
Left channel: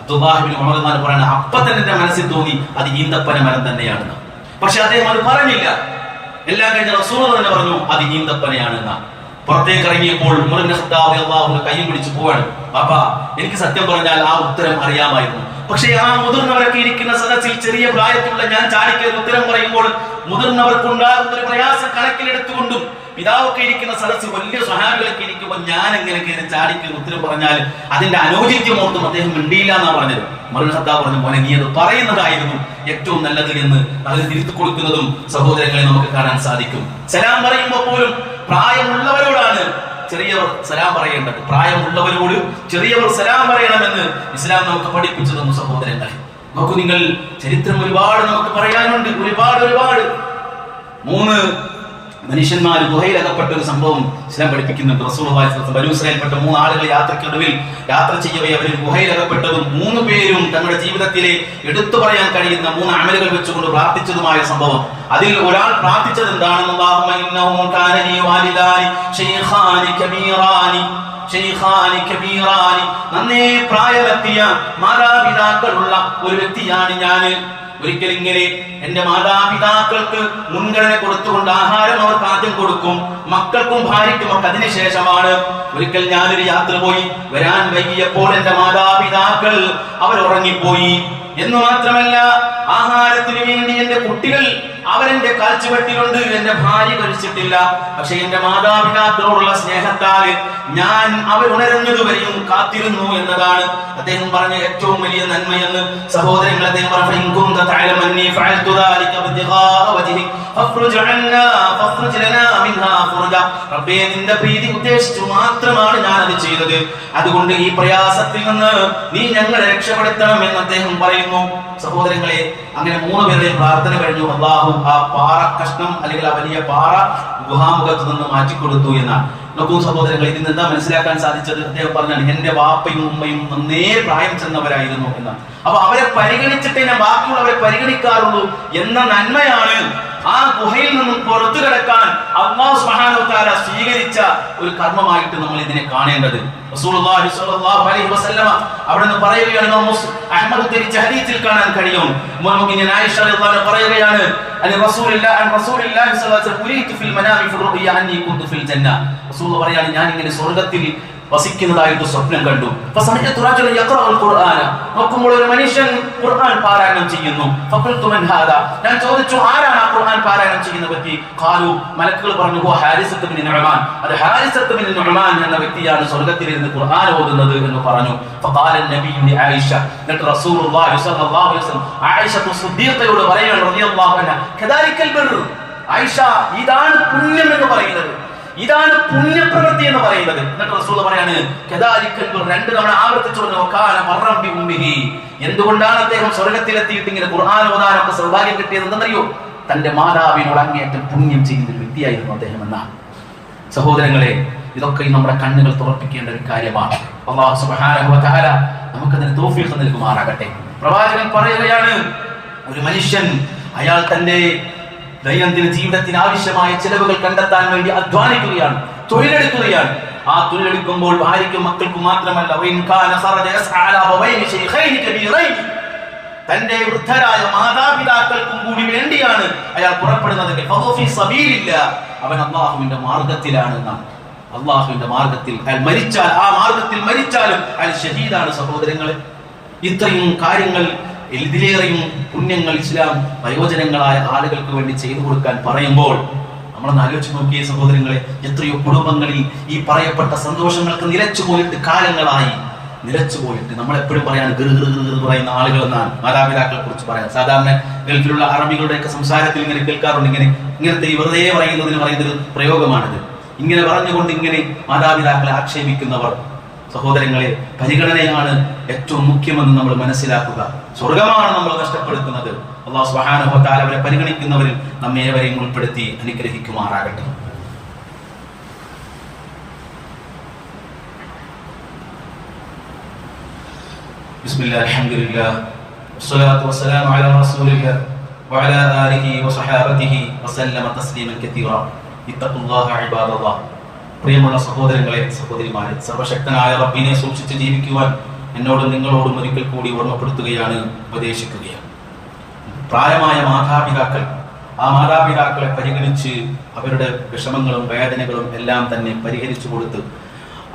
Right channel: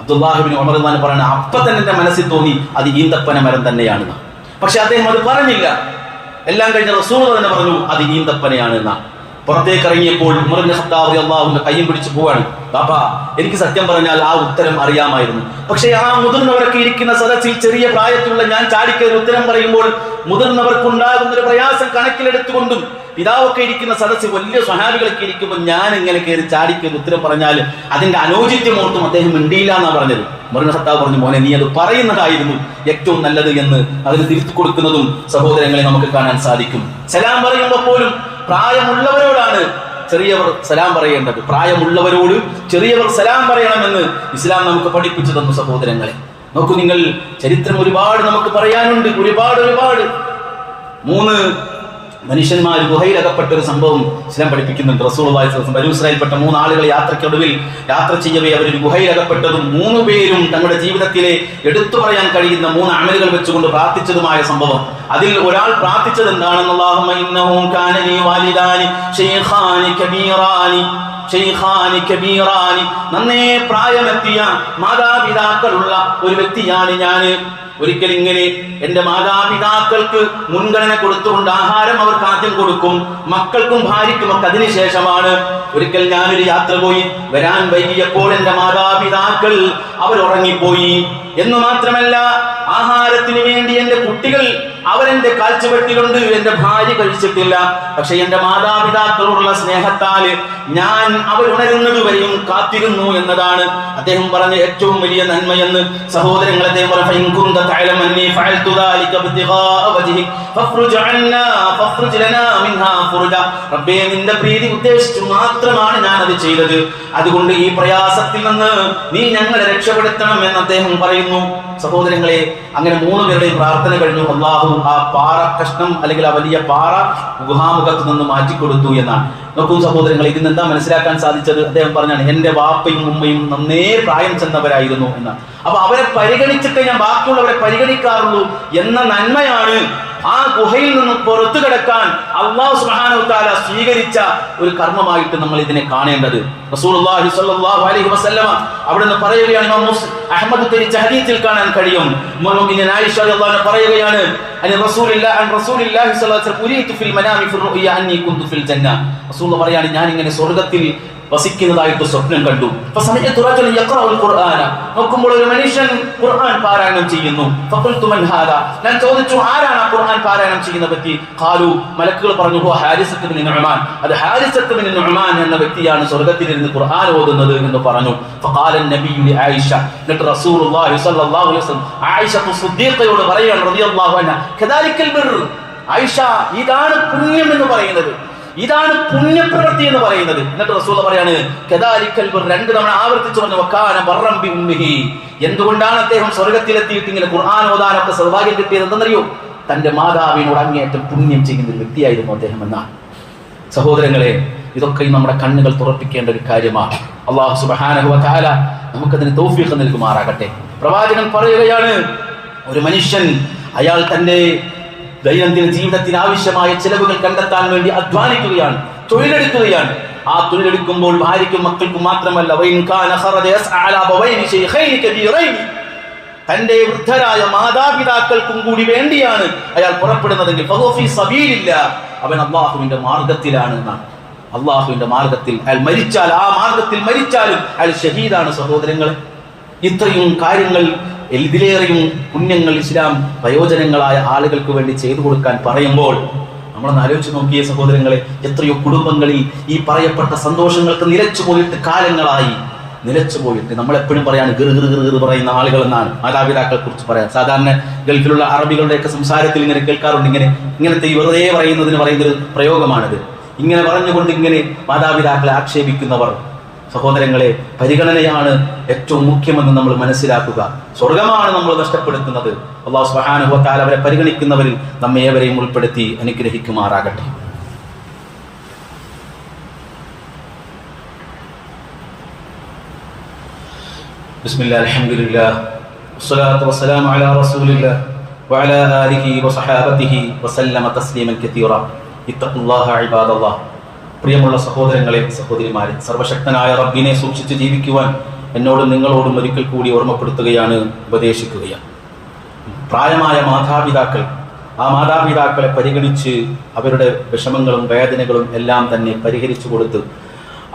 അബ്ദുല്ലാഹി ഇബ്നു ഉമർ റളിയല്ലാഹു അൻഹു പറയുന്നത് അപ്പൊ തന്നെ എന്റെ മനസ്സിൽ തോന്നി അത് ഈന്തപ്പന മരം തന്നെയാണെന്ന്. പക്ഷെ അദ്ദേഹം അത് പറഞ്ഞില്ല. എല്ലാം കഴിഞ്ഞ റസൂൽ തന്നെ പറഞ്ഞു അത് ഈന്തപ്പനയാണെന്ന്. പുറത്തേക്ക് ഇറങ്ങിയപ്പോൾ ഉമർ ഇബ്നു ഖത്താബ് റളിയല്ലാഹു അൻഹു കയ്യും പിടിച്ചു പോവാണ്. ബാബാ, എനിക്ക് സത്യം പറഞ്ഞാൽ ആ ഉത്തരം അറിയാമായിരുന്നു. പക്ഷെ ആ മുതിർന്നവരൊക്കെ ഇരിക്കുന്ന സദസ്സിൽ ചെറിയ പ്രായത്തിലുള്ള ഞാൻ ചാടിക്കയറി ഉത്തരം പറയുമ്പോൾ മുതിർന്നവർക്കുണ്ടാകുന്ന ഒരു പ്രയാസം കണക്കിലെടുത്തുകൊണ്ടും പിതാവൊക്കെ ഇരിക്കുന്ന സദസ്സിൽ വലിയ സ്വഹാബികളൊക്കെ ഇരിക്കുമ്പോൾ ഞാൻ ഇങ്ങനെ കയറി ചാടിക്കയറി ഉത്തരം പറഞ്ഞാൽ അതിന്റെ അനൗചിത്യം ഓർത്തും അദ്ദേഹം മിണ്ടിയില്ല എന്നാ പറഞ്ഞത്. ഉമർ ഇബ്നു ഖത്താബ് പറഞ്ഞു, മോനെ നീ അത് പറയുന്നതായിരുന്നു ഏറ്റവും നല്ലത് എന്ന് അതിന് തിരുത്തി കൊടുക്കുന്നതും സഹോദരങ്ങളെ നമുക്ക് കാണാൻ സാധിക്കും. സലാം പറയുമ്പോൾ പോലും പ്രായമുള്ളവരോടാണ് ചെറിയവർ സലാം പറയേണ്ടത്. പ്രായമുള്ളവരോട് ചെറിയവർ സലാം പറയണമെന്ന് ഇസ്ലാം നമുക്ക് പഠിപ്പിച്ചു തന്നു. സഹോദരങ്ങളെ നോക്കൂ നിങ്ങൾ, ചരിത്രം ഒരുപാട് നമുക്ക് പറയാനുണ്ട്. ഒരുപാട് 3 മനുഷ്യന്മാർ ഗുഹയിൽ അകപ്പെട്ട ഒരു സംഭവം ഇസ്ലാം പഠിപ്പിക്കുന്നുണ്ട്. റസൂലുള്ളാഹി സ്വല്ലല്ലാഹു അലൈഹി വസല്ലം ബനൂ ഇസ്രായേൽപ്പെട്ട 3 ആളുകൾ യാത്രയ്ക്കൊടുവിൽ യാത്ര ചെയ്യവേ അവരൊരു ഗുഹയിൽ അകപ്പെട്ടതും 3 പേരും തങ്ങളുടെ ജീവിതത്തിലെ എടുത്തു പറയാൻ കഴിയുന്ന 3 അമലുകൾ വെച്ചുകൊണ്ട് പ്രാർത്ഥിച്ചതുമായ സംഭവം. അതിൽ ഒരാൾ പ്രാർത്ഥിച്ചത് എന്താണെന്ന്, അല്ലാഹുമ്മ ഇന്നഹു കാന ലീ വാലിദാനി ശൈഖാനി കബീറാനി, നന്നേ പ്രായമെത്തിയ മാതാപിതാക്കളുള്ള ഒരു വ്യക്തിയാണ് ഞാൻ. ഒരിക്കൽ ഇങ്ങനെ എന്റെ മാതാപിതാക്കൾക്ക് മുൻഗണന കൊടുത്തുകൊണ്ട് ആഹാരം അവർക്ക് ആദ്യം കൊടുക്കും, മക്കൾക്കും ഭാര്യയ്ക്കും ഒക്കെ അതിനുശേഷമാണ്. ഒരിക്കൽ ഞാനൊരു യാത്ര പോയി വരാൻ വൈകിയപ്പോൾ എന്റെ മാതാപിതാക്കൾ അവരുറങ്ങിപ്പോയി. എന്നു മാത്രമല്ല, ആഹാരത്തിന് വേണ്ടി എന്റെ കുട്ടികൾ അവരെന്റെ കാൽച്ചുവട്ടിലുണ്ട്, എന്റെ ഭാര്യ കഴിച്ചിട്ടില്ല. പക്ഷെ എന്റെ മാതാപിതാക്കളോടുള്ള സ്നേഹത്താൽ ഞാൻ അവരുണരുന്നത് വരെയും കാത്തിരുന്നു എന്നതാണ് അദ്ദേഹം പറഞ്ഞ ഏറ്റവും വലിയ നന്മയെന്ന്. സഹോദരങ്ങൾ, അദ്ദേഹം റബ്ബേ, നിന്റെ പ്രീതി ഉദ്ദേശിച്ചു മാത്രമാണ് ഞാൻ അത് ചെയ്തത്. അതുകൊണ്ട് ഈ പ്രയാസത്തിൽ നിന്ന് നീ ഞങ്ങളെ രക്ഷപ്പെടുത്തണം എന്ന് അദ്ദേഹം പറയുന്നു. സഹോദരങ്ങളെ, അങ്ങനെ 3 പേരുടെയും പ്രാർത്ഥന കഴിഞ്ഞു. അള്ളാഹു ആ പാറ കഷ്ണം അല്ലെങ്കിൽ ആ വലിയ പാറ ഗുഹാമുഖത്ത് നിന്ന് മാറ്റിക്കൊടുത്തു എന്നാണ്. നോക്കൂ സഹോദരങ്ങളെ, ഇതിന് എന്താ മനസ്സിലാക്കാൻ സാധിച്ചത്? അദ്ദേഹം പറഞ്ഞാണ് എന്റെ വാപ്പയും ഉമ്മയും നന്നേ പ്രായം ചെന്നവരായിരുന്നു എന്നാണ്. അപ്പൊ അവരെ പരിഗണിച്ചിട്ടേ ഞാൻ ബാക്കിയുള്ളവരെ പരിഗണിക്കാറുള്ളൂ എന്ന നന്മയാണ് ആ ഗുഹയിൽ നിന്നും പുറത്തു കിടക്കാൻ അല്ലാഹു സുബ്ഹാനഹു വ തആല സ്വീകരിച്ച ഒരു കർമ്മമായിട്ട് നമ്മൾ ഇതിനെ കാണേണ്ടത്. റസൂലുള്ളാഹി സ്വല്ലല്ലാഹു അലൈഹി വസല്ലമ അവിടുന്ന് പറയുകയാണ്, അഹ്മദ് ഉദ്ധരിച്ച ഹദീസിൽ കാണാൻ കഴിയും. മുഅ്മിന ആയിഷ റളിയല്ലാഹു അൻഹ പറയുകയാണ്, റസൂലുള്ളാഹി സ്വല്ലല്ലാഹു അലൈഹി വസല്ലം ഉരീതു ഫിൽ മനാമി ഫിർ റുഅയ അന്നി കുന്തു ഫിൽ ജന്ന. റസൂൽ പറയാണ്, ഞാൻ ഇങ്ങനെ സ്വർഗ്ഗത്തിൽ വസിക്കുന്നതായിട്ട് സ്വപ്നം കണ്ടു. നോക്കുമ്പോൾ ഒരു മനുഷ്യൻ ഖുർആൻ പാരായണം ചെയ്യുന്നു. ഞാൻ ചോദിച്ചു, ആരാണ് ആ ഖുർആൻ പാരായണം ചെയ്യുന്ന വ്യക്തി? ഖാലു, മലക്കുകൾ പറഞ്ഞു, ഹാരിസത്ത് ബിൻ നുഅ്മാൻ, അത് ഹാരിസത്ത് ബിൻ നുഅ്മാൻ എന്ന വ്യക്തിയാണ് സ്വർഗ്ഗത്തിലിരുന്ന് ഖുർആൻ ഓതുന്നത് എന്ന് പറഞ്ഞു. ഫഖാല നബിയു ലി ആയിഷ, എന്നിട്ട് റസൂലുള്ളാഹി സ്വല്ലല്ലാഹു അലൈഹി വസല്ലം ആയിഷ സിദ്ദീഖയോട് പറയുകയാണ് റളിയല്ലാഹു അൻഹ, കദാലിക്കൽ ബിർ, ആയിഷ, ഇതാണ് പുണ്യം എന്ന് പറയുന്നത്, ഇതാണ് പുണ്യപ്രവൃത്തി എന്ന് പറയുന്നത്. എന്നിട്ട് റസൂൽ പറയാണ്, കദാലിക്കൽ ബിർ, 2 തവണ ആവർത്തിച്ചു പറഞ്ഞു, വകാന ബർറൻ ബി ഉമ്മിഹി. എന്തുകൊണ്ടാണ് അദ്ദേഹം സ്വർഗ്ഗത്തിലെത്തിയിട്ട് ഇങ്ങനെ ഖുർആൻ ഓതാനൊക്കെ സൗഭാഗ്യം കിട്ടിയത് എന്തെന്നറിയോ? തന്റെ മാതാവിനോട് അങ്ങേയറ്റം പുണ്യം ചെയ്യുന്ന ഒരു വ്യക്തിയായിരുന്നു അദ്ദേഹം എന്നാണ്. സഹോദരങ്ങളെ, ഇതൊക്കെ നമ്മുടെ കണ്ണുകൾ തുറപ്പിക്കേണ്ട ഒരു കാര്യമാണ്. അല്ലാഹു സുബ്ഹാനഹു വ തആല നമുക്കതിന് തൗഫീഖ് നൽകുമാറാകട്ടെ. പ്രവാചകൻ പറയുകയാണ്, ഒരു മനുഷ്യൻ അയാൾ തന്റെ ദൈനംദിന ജീവിതത്തിന് ആവശ്യമായ ചെലവുകൾ കണ്ടെത്താൻ വേണ്ടി അധ്വാനിക്കുകയാണ്, തൊഴിലെടുക്കുകയാണ്. ആ തൊഴിലെടുക്കുമ്പോൾ ഭാര്യയ്ക്കും മക്കൾക്കും മാത്രമല്ല, തന്റെ വൃദ്ധരായ മാതാപിതാക്കൾക്കും കൂടി വേണ്ടിയാണ് അയാൾ പുറപ്പെടുന്നതെങ്കിൽ അവൻ അള്ളാഹുവിന്റെ മാർഗത്തിലാണ് എന്നാണ്. അള്ളാഹുവിന്റെ മാർഗത്തിൽ അയാൾ മരിച്ചാൽ, ആ മാർഗത്തിൽ മരിച്ചാലും അയാൾ ഷഹീദാണ്. സഹോദരങ്ങളെ, ഇത്രയും കാര്യങ്ങൾ, ഇതിലേറെയും പുണ്യങ്ങൾ ഇസ്ലാം പ്രയോജനങ്ങളായ ആളുകൾക്ക് വേണ്ടി ചെയ്തു കൊടുക്കാൻ പറയുമ്പോൾ നമ്മളൊന്ന് ആലോചിച്ച് നോക്കിയ സഹോദരങ്ങളെ, എത്രയോ കുടുംബങ്ങളിൽ ഈ പറയപ്പെട്ട സന്തോഷങ്ങൾക്ക് നിലച്ചുപോയിട്ട് കാലങ്ങളായി. നിലച്ചുപോയിട്ട് നമ്മളെപ്പോഴും പറയാണ് ഗിർ പറയുന്ന ആളുകൾ എന്നാണ് മാതാപിതാക്കളെ കുറിച്ച് പറയാം. സാധാരണ ഗൾഫിലുള്ള അറബികളുടെയൊക്കെ സംസാരത്തിൽ ഇങ്ങനെ കേൾക്കാറുണ്ട്. ഇങ്ങനത്തെ വെറുതെ പറയുന്നൊരു പ്രയോഗമാണിത്. ഇങ്ങനെ പറഞ്ഞുകൊണ്ട് ഇങ്ങനെ മാതാപിതാക്കളെ ആക്ഷേപിക്കുന്നവർ, സഹോദരങ്ങളെ, പരിഗണനയാണ് ഏറ്റവും മുഖ്യമെന്ന് നമ്മൾ മനസ്സിലാക്കുക. സ്വർഗമാണ് നമ്മൾ നഷ്ടപ്പെടുത്തുന്നത്. അല്ലാഹു സുബ്ഹാനഹു വ തആല അവരെ പരിഗണിക്കുന്നവരിൽ നമ്മെ ഏവരെയും ഉൾപ്പെടുത്തി അനുഗ്രഹിക്കുമാറാകട്ടെ. ബിസ്മില്ലാഹി അൽഹംദുലില്ലാഹ് വസ്സലാത്തു വസ്സലാമു അലാ റസൂലില്ലാഹ് വഅലാ ആലിഹി വസഹാബതിഹി വസല്ലമ തസ്ലീമൻ കതീറ. ഇത്തഖുല്ലാഹ ഇബാദല്ലാഹ്. പ്രിയമുള്ള സഹോദരങ്ങളെ, സഹോദരിമാരെ, സർവശക്തനായ റബ്ബിനെ സൂക്ഷിച്ച് ജീവിക്കുവാൻ എന്നോടും നിങ്ങളോടും ഒരിക്കൽ കൂടി ഓർമ്മപ്പെടുത്തുകയാണ്, ഉപദേശിക്കുകയാണ്. പ്രായമായ മാതാപിതാക്കൾ, ആ മാതാപിതാക്കളെ പരിഗണിച്ച് അവരുടെ വിഷമങ്ങളും വേദനകളും എല്ലാം തന്നെ പരിഹരിച്ചു കൊടുത്ത്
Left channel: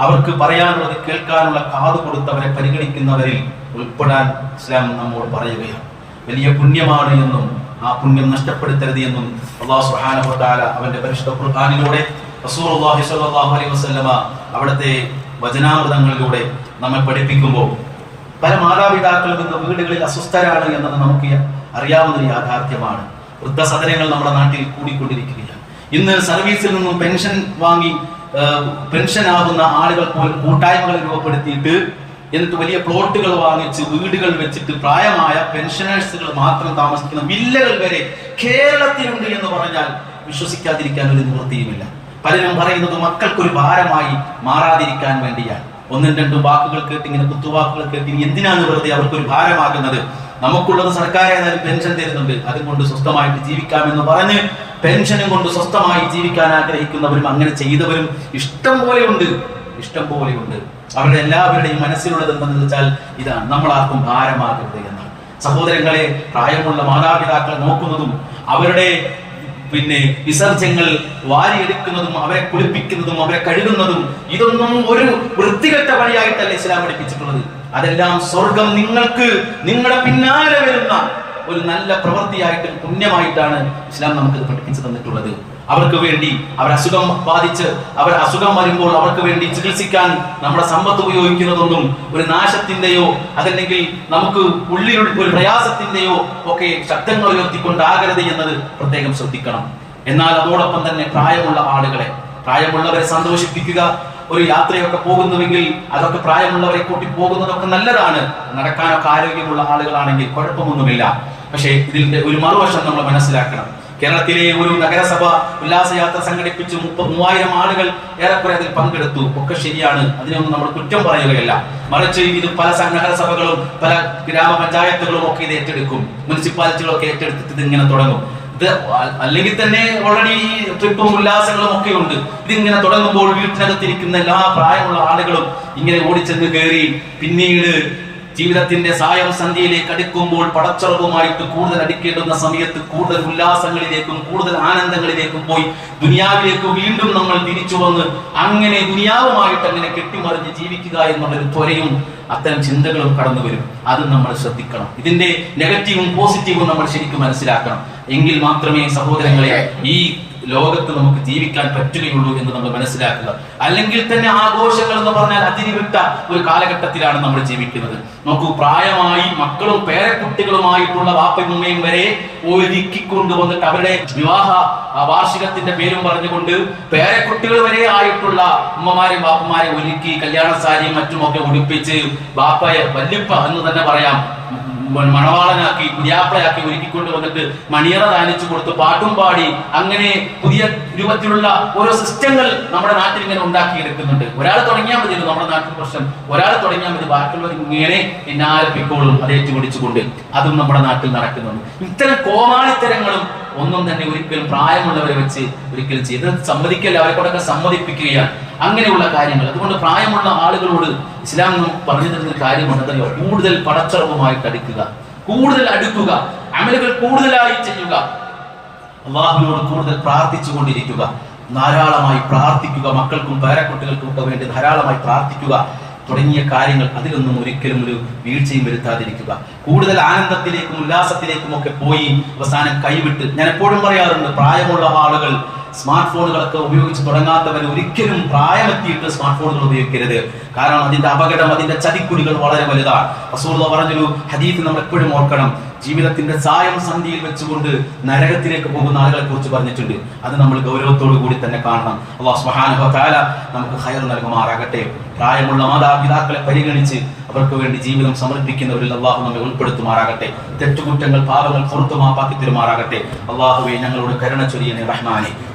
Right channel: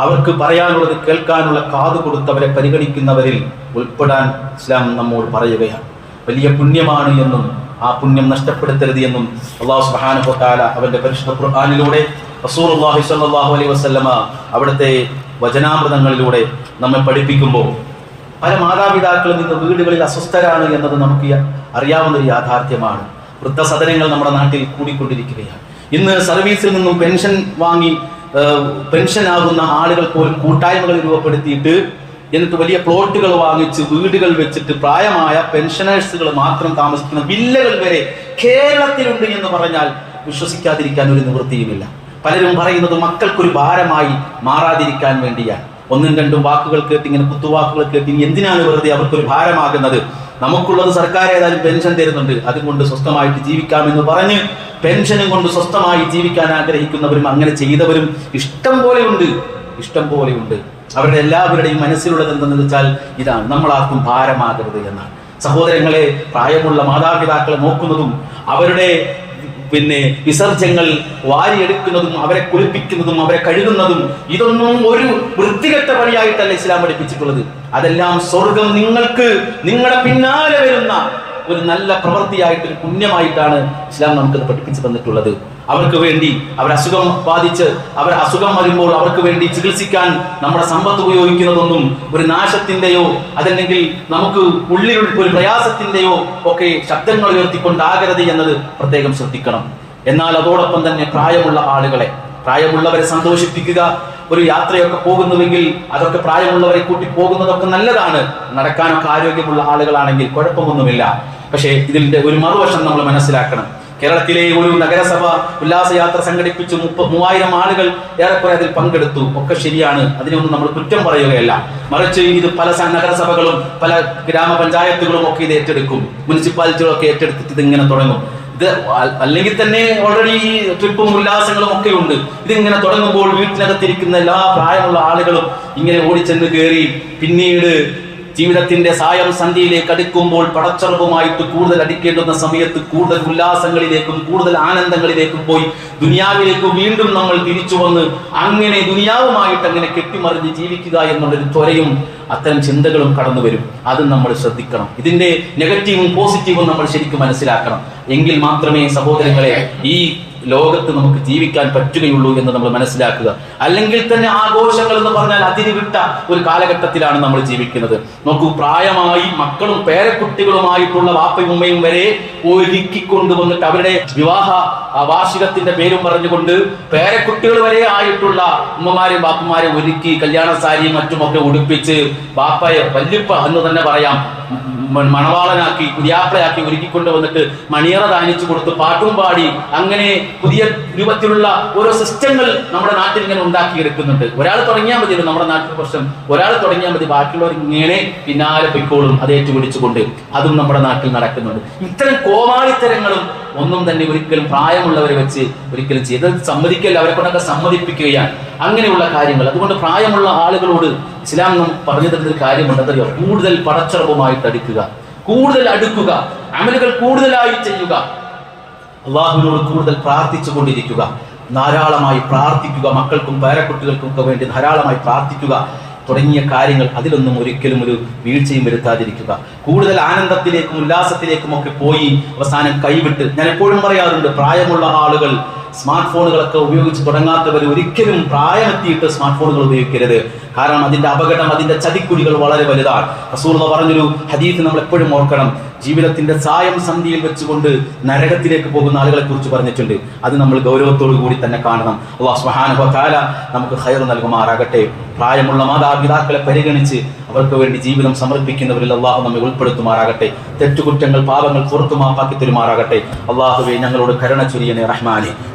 അവർക്ക് പറയാനുള്ളത് കേൾക്കാനുള്ള കാത് കൊടുത്ത് അവരെ പരിഗണിക്കുന്നവരിൽ ഉൾപ്പെടാൻ ഇസ്ലാം നമ്മോട് പറയുകയാണ്. വലിയ പുണ്യമാണ് എന്നും ആ പുണ്യം നഷ്ടപ്പെടുത്തരുത് എന്നും അല്ലാഹു സുബ്ഹാനഹു വ തആല അവന്റെ പരിശുദ്ധ ഖുർആനിലൂടെ റസൂലുള്ളാഹി സ്വല്ലല്ലാഹു അലൈഹി വസല്ലമ അവിടുത്തെ വചനാമൃതങ്ങളിലൂടെ നമ്മെ പഠിപ്പിക്കുമ്പോൾ പല മാതാപിതാക്കളും ഇന്ന് വീടുകളിൽ അസ്വസ്ഥരാണ് എന്നത് നമുക്ക് അറിയാവുന്ന ഒരു യാഥാർത്ഥ്യമാണ്. വൃദ്ധസദനങ്ങൾ നമ്മുടെ നാട്ടിൽ കൂടിക്കൊണ്ടിരിക്കുകയാണ്. ഇന്ന് സർവീസിൽ നിന്നും പെൻഷൻ വാങ്ങി പെൻഷനാകുന്ന ആളുകൾ പോലും കൂട്ടായ്മകൾ രൂപപ്പെടുത്തിയിട്ട് എന്നിട്ട് വലിയ പ്ലോട്ടുകൾ വാങ്ങിച്ച് വീടുകൾ വെച്ചിട്ട് പ്രായമായ പെൻഷനേഴ്സുകൾ മാത്രം താമസിക്കുന്ന വില്ലകൾ വരെ കേരളത്തിലുണ്ട് എന്ന് പറഞ്ഞാൽ വിശ്വസിക്കാതിരിക്കാൻ ഒരു നിവൃത്തിയുമില്ല. പലരും പറയുന്നത് മക്കൾക്കൊരു ഭാരമായി മാറാതിരിക്കാൻ വേണ്ടിയാണ്. ഒന്നും രണ്ടും വാക്കുകൾ കേട്ട്, ഇങ്ങനെ കുത്തുവാക്കുകൾ കേട്ട് ഇനി എന്തിനാണ് വെറുതെ അവർക്കൊരു ഭാരമാകുന്നത്? നമുക്കുള്ളത് സർക്കാർ ഏതായാലും പെൻഷൻ തരുന്നുണ്ട്, അതുകൊണ്ട് സ്വസ്ഥമായിട്ട് ജീവിക്കാമെന്ന് പറഞ്ഞ് പെൻഷനും കൊണ്ട് സ്വസ്ഥമായി ജീവിക്കാൻ ആഗ്രഹിക്കുന്നവരും അങ്ങനെ ചെയ്തവരും ഇഷ്ടം പോലെയുണ്ട്. അവരുടെ എല്ലാവരുടെയും മനസ്സിലുള്ളത് എന്തെന്ന് വെച്ചാൽ ഇതാണ്, നമ്മളാർക്കും ഭാരമാകരുത് എന്നാണ്. സഹോദരങ്ങളെ, പ്രായമുള്ള മാതാപിതാക്കളെ നോക്കുന്നതും അവരുടെ വിസർജ്യങ്ങൾ വാരിയെടുക്കുന്നതും അവരെ കുളിപ്പിക്കുന്നതും അവരെ കഴുകുന്നതും ഇതൊന്നും ഒരു വൃത്തികെട്ട പണിയായിട്ടല്ല ഇസ്ലാം പഠിപ്പിച്ചിട്ടുള്ളത്. അതെല്ലാം സ്വർഗം നിങ്ങൾക്ക് നിങ്ങളുടെ പിന്നാലെ വരുന്ന ഒരു നല്ല പ്രവൃത്തിയായിട്ട്, ഒരു പുണ്യമായിട്ടാണ് ഇസ്ലാം നമുക്കത് പഠിപ്പിച്ചു തന്നിട്ടുള്ളത്. അവർക്ക് വേണ്ടി അസുഖം ബാധിച്ച് അസുഖം വരുമ്പോൾ അവർക്ക് വേണ്ടി ചികിത്സിക്കാൻ നമ്മുടെ സമ്പത്ത് ഉപയോഗിക്കുന്നതൊന്നും ഒരു നാശത്തിന്റെയോ അതല്ലെങ്കിൽ നമുക്ക് ഉള്ളിൽ ഒരു പ്രയാസത്തിന്റെയോ ഒക്കെ ശബ്ദങ്ങൾ ഉയർത്തിക്കൊണ്ടാകരുത് എന്നത് പ്രത്യേകം ശ്രദ്ധിക്കണം. എന്നാൽ അതോടൊപ്പം തന്നെ പ്രായമുള്ളവരെ സന്തോഷിപ്പിക്കുക. ഒരു യാത്രയൊക്കെ പോകുന്നുവെങ്കിൽ അതൊക്കെ പ്രായമുള്ളവരെ കൂട്ടി പോകുന്നതൊക്കെ നല്ലതാണ്. നടക്കാനൊക്കെ ആരോഗ്യമുള്ള ആളുകളാണെങ്കിൽ കുഴപ്പമൊന്നുമില്ല. പക്ഷേ ഇതിന്റെ ഒരു മറുവശം നമ്മൾ മനസ്സിലാക്കണം. കേരളത്തിലെ ഒരു നഗരസഭ ഉല്ലാസയാത്ര സംഘടിപ്പിച്ചു, 3000 ആളുകൾ ഏറെക്കുറെ അതിൽ പങ്കെടുത്തു. ഒക്കെ ശരിയാണ്, അതിനൊന്നും നമ്മൾ കുറ്റം പറയുകയല്ല. മറിച്ച് ഇത് പല നഗരസഭകളും പല ഗ്രാമപഞ്ചായത്തുകളും ഒക്കെ ഇത് ഏറ്റെടുക്കും, മുനിസിപ്പാലിറ്റികളൊക്കെ ഏറ്റെടുത്തിട്ട് ഇതിങ്ങനെ തുടങ്ങും. ഇത് അല്ലെങ്കിൽ തന്നെ ഓൾറെഡി ട്രിപ്പും ഉല്ലാസങ്ങളും ഒക്കെ ഉണ്ട്. ഇതിങ്ങനെ തുടങ്ങുമ്പോൾ വീട്ടിനകത്തിരിക്കുന്ന എല്ലാ പ്രായമുള്ള ആളുകളും ഇങ്ങനെ ഓടിച്ചെന്ന് കയറി പിന്നീട് ജീവിതത്തിന്റെ സായം സന്ധ്യയിലേക്ക് അടുക്കുമ്പോൾ പടച്ചുറപ്പുമായിട്ട് കൂടുതൽ അടിക്കേണ്ടുന്ന സമയത്ത് കൂടുതൽ ഉല്ലാസങ്ങളിലേക്കും കൂടുതൽ ആനന്ദങ്ങളിലേക്കും പോയി ദുനിയാവിലേക്ക് വീണ്ടും നമ്മൾ തിരിച്ചു വന്ന് അങ്ങനെ ദുനിയാവുമായിട്ട് അങ്ങനെ കെട്ടിമറിഞ്ഞ് ജീവിക്കുക എന്നുള്ളൊരു ത്വരയും അത്തരം ചിന്തകളും കടന്നു വരും. അതും നമ്മൾ ശ്രദ്ധിക്കണം. ഇതിന്റെ നെഗറ്റീവും പോസിറ്റീവും നമ്മൾ ശരിക്കും മനസ്സിലാക്കണം. എങ്കിൽ മാത്രമേ സഹോദരങ്ങളെ ഈ ലോകത്ത് നമുക്ക് ജീവിക്കാൻ പറ്റുകയുള്ളൂ എന്ന് നമ്മൾ മനസ്സിലാക്കുക. അല്ലെങ്കിൽ തന്നെ ആഘോഷങ്ങൾ എന്ന് പറഞ്ഞാൽ അതിരുവിട്ട ഒരു കാലഘട്ടത്തിലാണ് നമ്മൾ ജീവിക്കുന്നത്. നോക്കൂ, പ്രായമായി മക്കളും പേരക്കുട്ടികളുമായിട്ടുള്ള വാപ്പയും ഉമ്മയും വരെ ഒരുക്കിക്കൊണ്ടുവന്നിട്ട് അവരുടെ വിവാഹ വാർഷികത്തിന്റെ പേരും പറഞ്ഞുകൊണ്ട് പേരക്കുട്ടികൾ വരെ ആയിട്ടുള്ള ഉമ്മമാരെയും ബാപ്പമാരെ ഒരുക്കി കല്യാണ സാരിയും മറ്റുമൊക്കെ ഉടുപ്പിച്ച് ബാപ്പയെ വല്യപ്പ എന്ന് തന്നെ പറയാം മണവാളനാക്കി പുതിയാപ്പിളയാക്കി ഒരുക്കിക്കൊണ്ട് വന്നിട്ട് മണിയറ ദാനിച്ചു കൊടുത്ത് പാട്ടും പാടി അങ്ങനെ പുതിയ രൂപത്തിലുള്ള ഓരോ സിസ്റ്റങ്ങൾ നമ്മുടെ നാട്ടിൽ ഇങ്ങനെ ഉണ്ടാക്കിയെടുക്കുന്നുണ്ട്. ഒരാൾ തുടങ്ങിയാൽ മതിയല്ലോ നമ്മുടെ നാട്ടിൽ പ്രശ്നം, ഒരാൾ തുടങ്ങിയാൽ മതി, ബാക്കിയുള്ളവർ ഇങ്ങനെ പിന്നാലെ പൊയ്ക്കോളും അത് ഏറ്റുപിടിച്ചുകൊണ്ട്. അതും നമ്മുടെ നാട്ടിൽ നടക്കുന്നുണ്ട്. ഇത്തരം കോമാളിത്തരങ്ങളും ഒന്നും തന്നെ ഒരിക്കലും പ്രായമുള്ളവരെ വെച്ച് ഒരിക്കലും ചെയ്തത് സമ്മതിക്കല്ല, അവരെ കൊണ്ടൊക്കെ സമ്മതിപ്പിക്കുകയാണ് അങ്ങനെയുള്ള കാര്യങ്ങൾ. അതുകൊണ്ട് പ്രായമുള്ള ആളുകളോട് ഇസ്ലാം നമുക്ക് പറഞ്ഞു തരുന്ന ഒരു കാര്യമുണ്ട്, അതറിയോ? കൂടുതൽ പടച്ചറവുമായിട്ട് കൂടുതൽ അടുക്കുക, അമലുകൾ കൂടുതലായി ചെയ്യുക, അള്ളാഹുവിനോട് കൂടുതൽ പ്രാർത്ഥിച്ചു കൊണ്ടിരിക്കുക, ധാരാളമായി പ്രാർത്ഥിക്കുക, മക്കൾക്കും പേരക്കുട്ടികൾക്കും ഒക്കെ വേണ്ടി ധാരാളമായി പ്രാർത്ഥിക്കുക തുടങ്ങിയ കാര്യങ്ങൾ. അതിലൊന്നും ഒരിക്കലും ഒരു വീഴ്ചയും വരുത്താതിരിക്കുക. കൂടുതൽ ആനന്ദത്തിലേക്കും ഉല്ലാസത്തിലേക്കും ഒക്കെ പോയി അവസാനം കൈവിട്ട്, ഞാൻ എപ്പോഴും പറയാറുണ്ട്, പ്രായമുള്ള ആളുകൾ സ്മാർട്ട് ഫോണുകളൊക്കെ ഉപയോഗിച്ച് തുടങ്ങാത്തവർ ഒരിക്കലും പ്രായമെത്തിയിട്ട് സ്മാർട്ട് ഫോണുകൾ ഉപയോഗിക്കരുത്. കാരണം അതിന്റെ അപകടം, അതിന്റെ ചതിക്കുഴികൾ വളരെ വലുതാണ്. റസൂലുള്ളാഹി പറഞ്ഞൊരു ഹദീസ് നമ്മൾ എപ്പോഴും ഓർക്കണം. ജീവിതത്തിന്റെ സായം സന്ധിയിൽ വെച്ചുകൊണ്ട് നരകത്തിലേക്ക് പോകുന്ന ആളുകളെ കുറിച്ച് പറഞ്ഞിട്ടുണ്ട്. അത് നമ്മൾ ഗൗരവത്തോടു കൂടി തന്നെ കാണണം. അല്ലാഹു സുബ്ഹാനഹു വ തആല നമുക്ക് ഖൈർ നൽകുമാറാകട്ടെ. പ്രായമുള്ള മാതാപിതാക്കളെ പരിഗണിച്ച് അവർക്ക് വേണ്ടി ജീവിതം സമർപ്പിക്കുന്നവരിൽ അള്ളാഹു നമ്മെ ഉൾപ്പെടുത്തുമാറാകട്ടെ. തെറ്റുകുറ്റങ്ങൾ പാപങ്ങൾ പുറത്തു മാപ്പാക്കി തരുമാറാകട്ടെ. അള്ളാഹുവേ, ഞങ്ങളോട് കരുണ ചൊരിയണേ റഹ്മാനെ.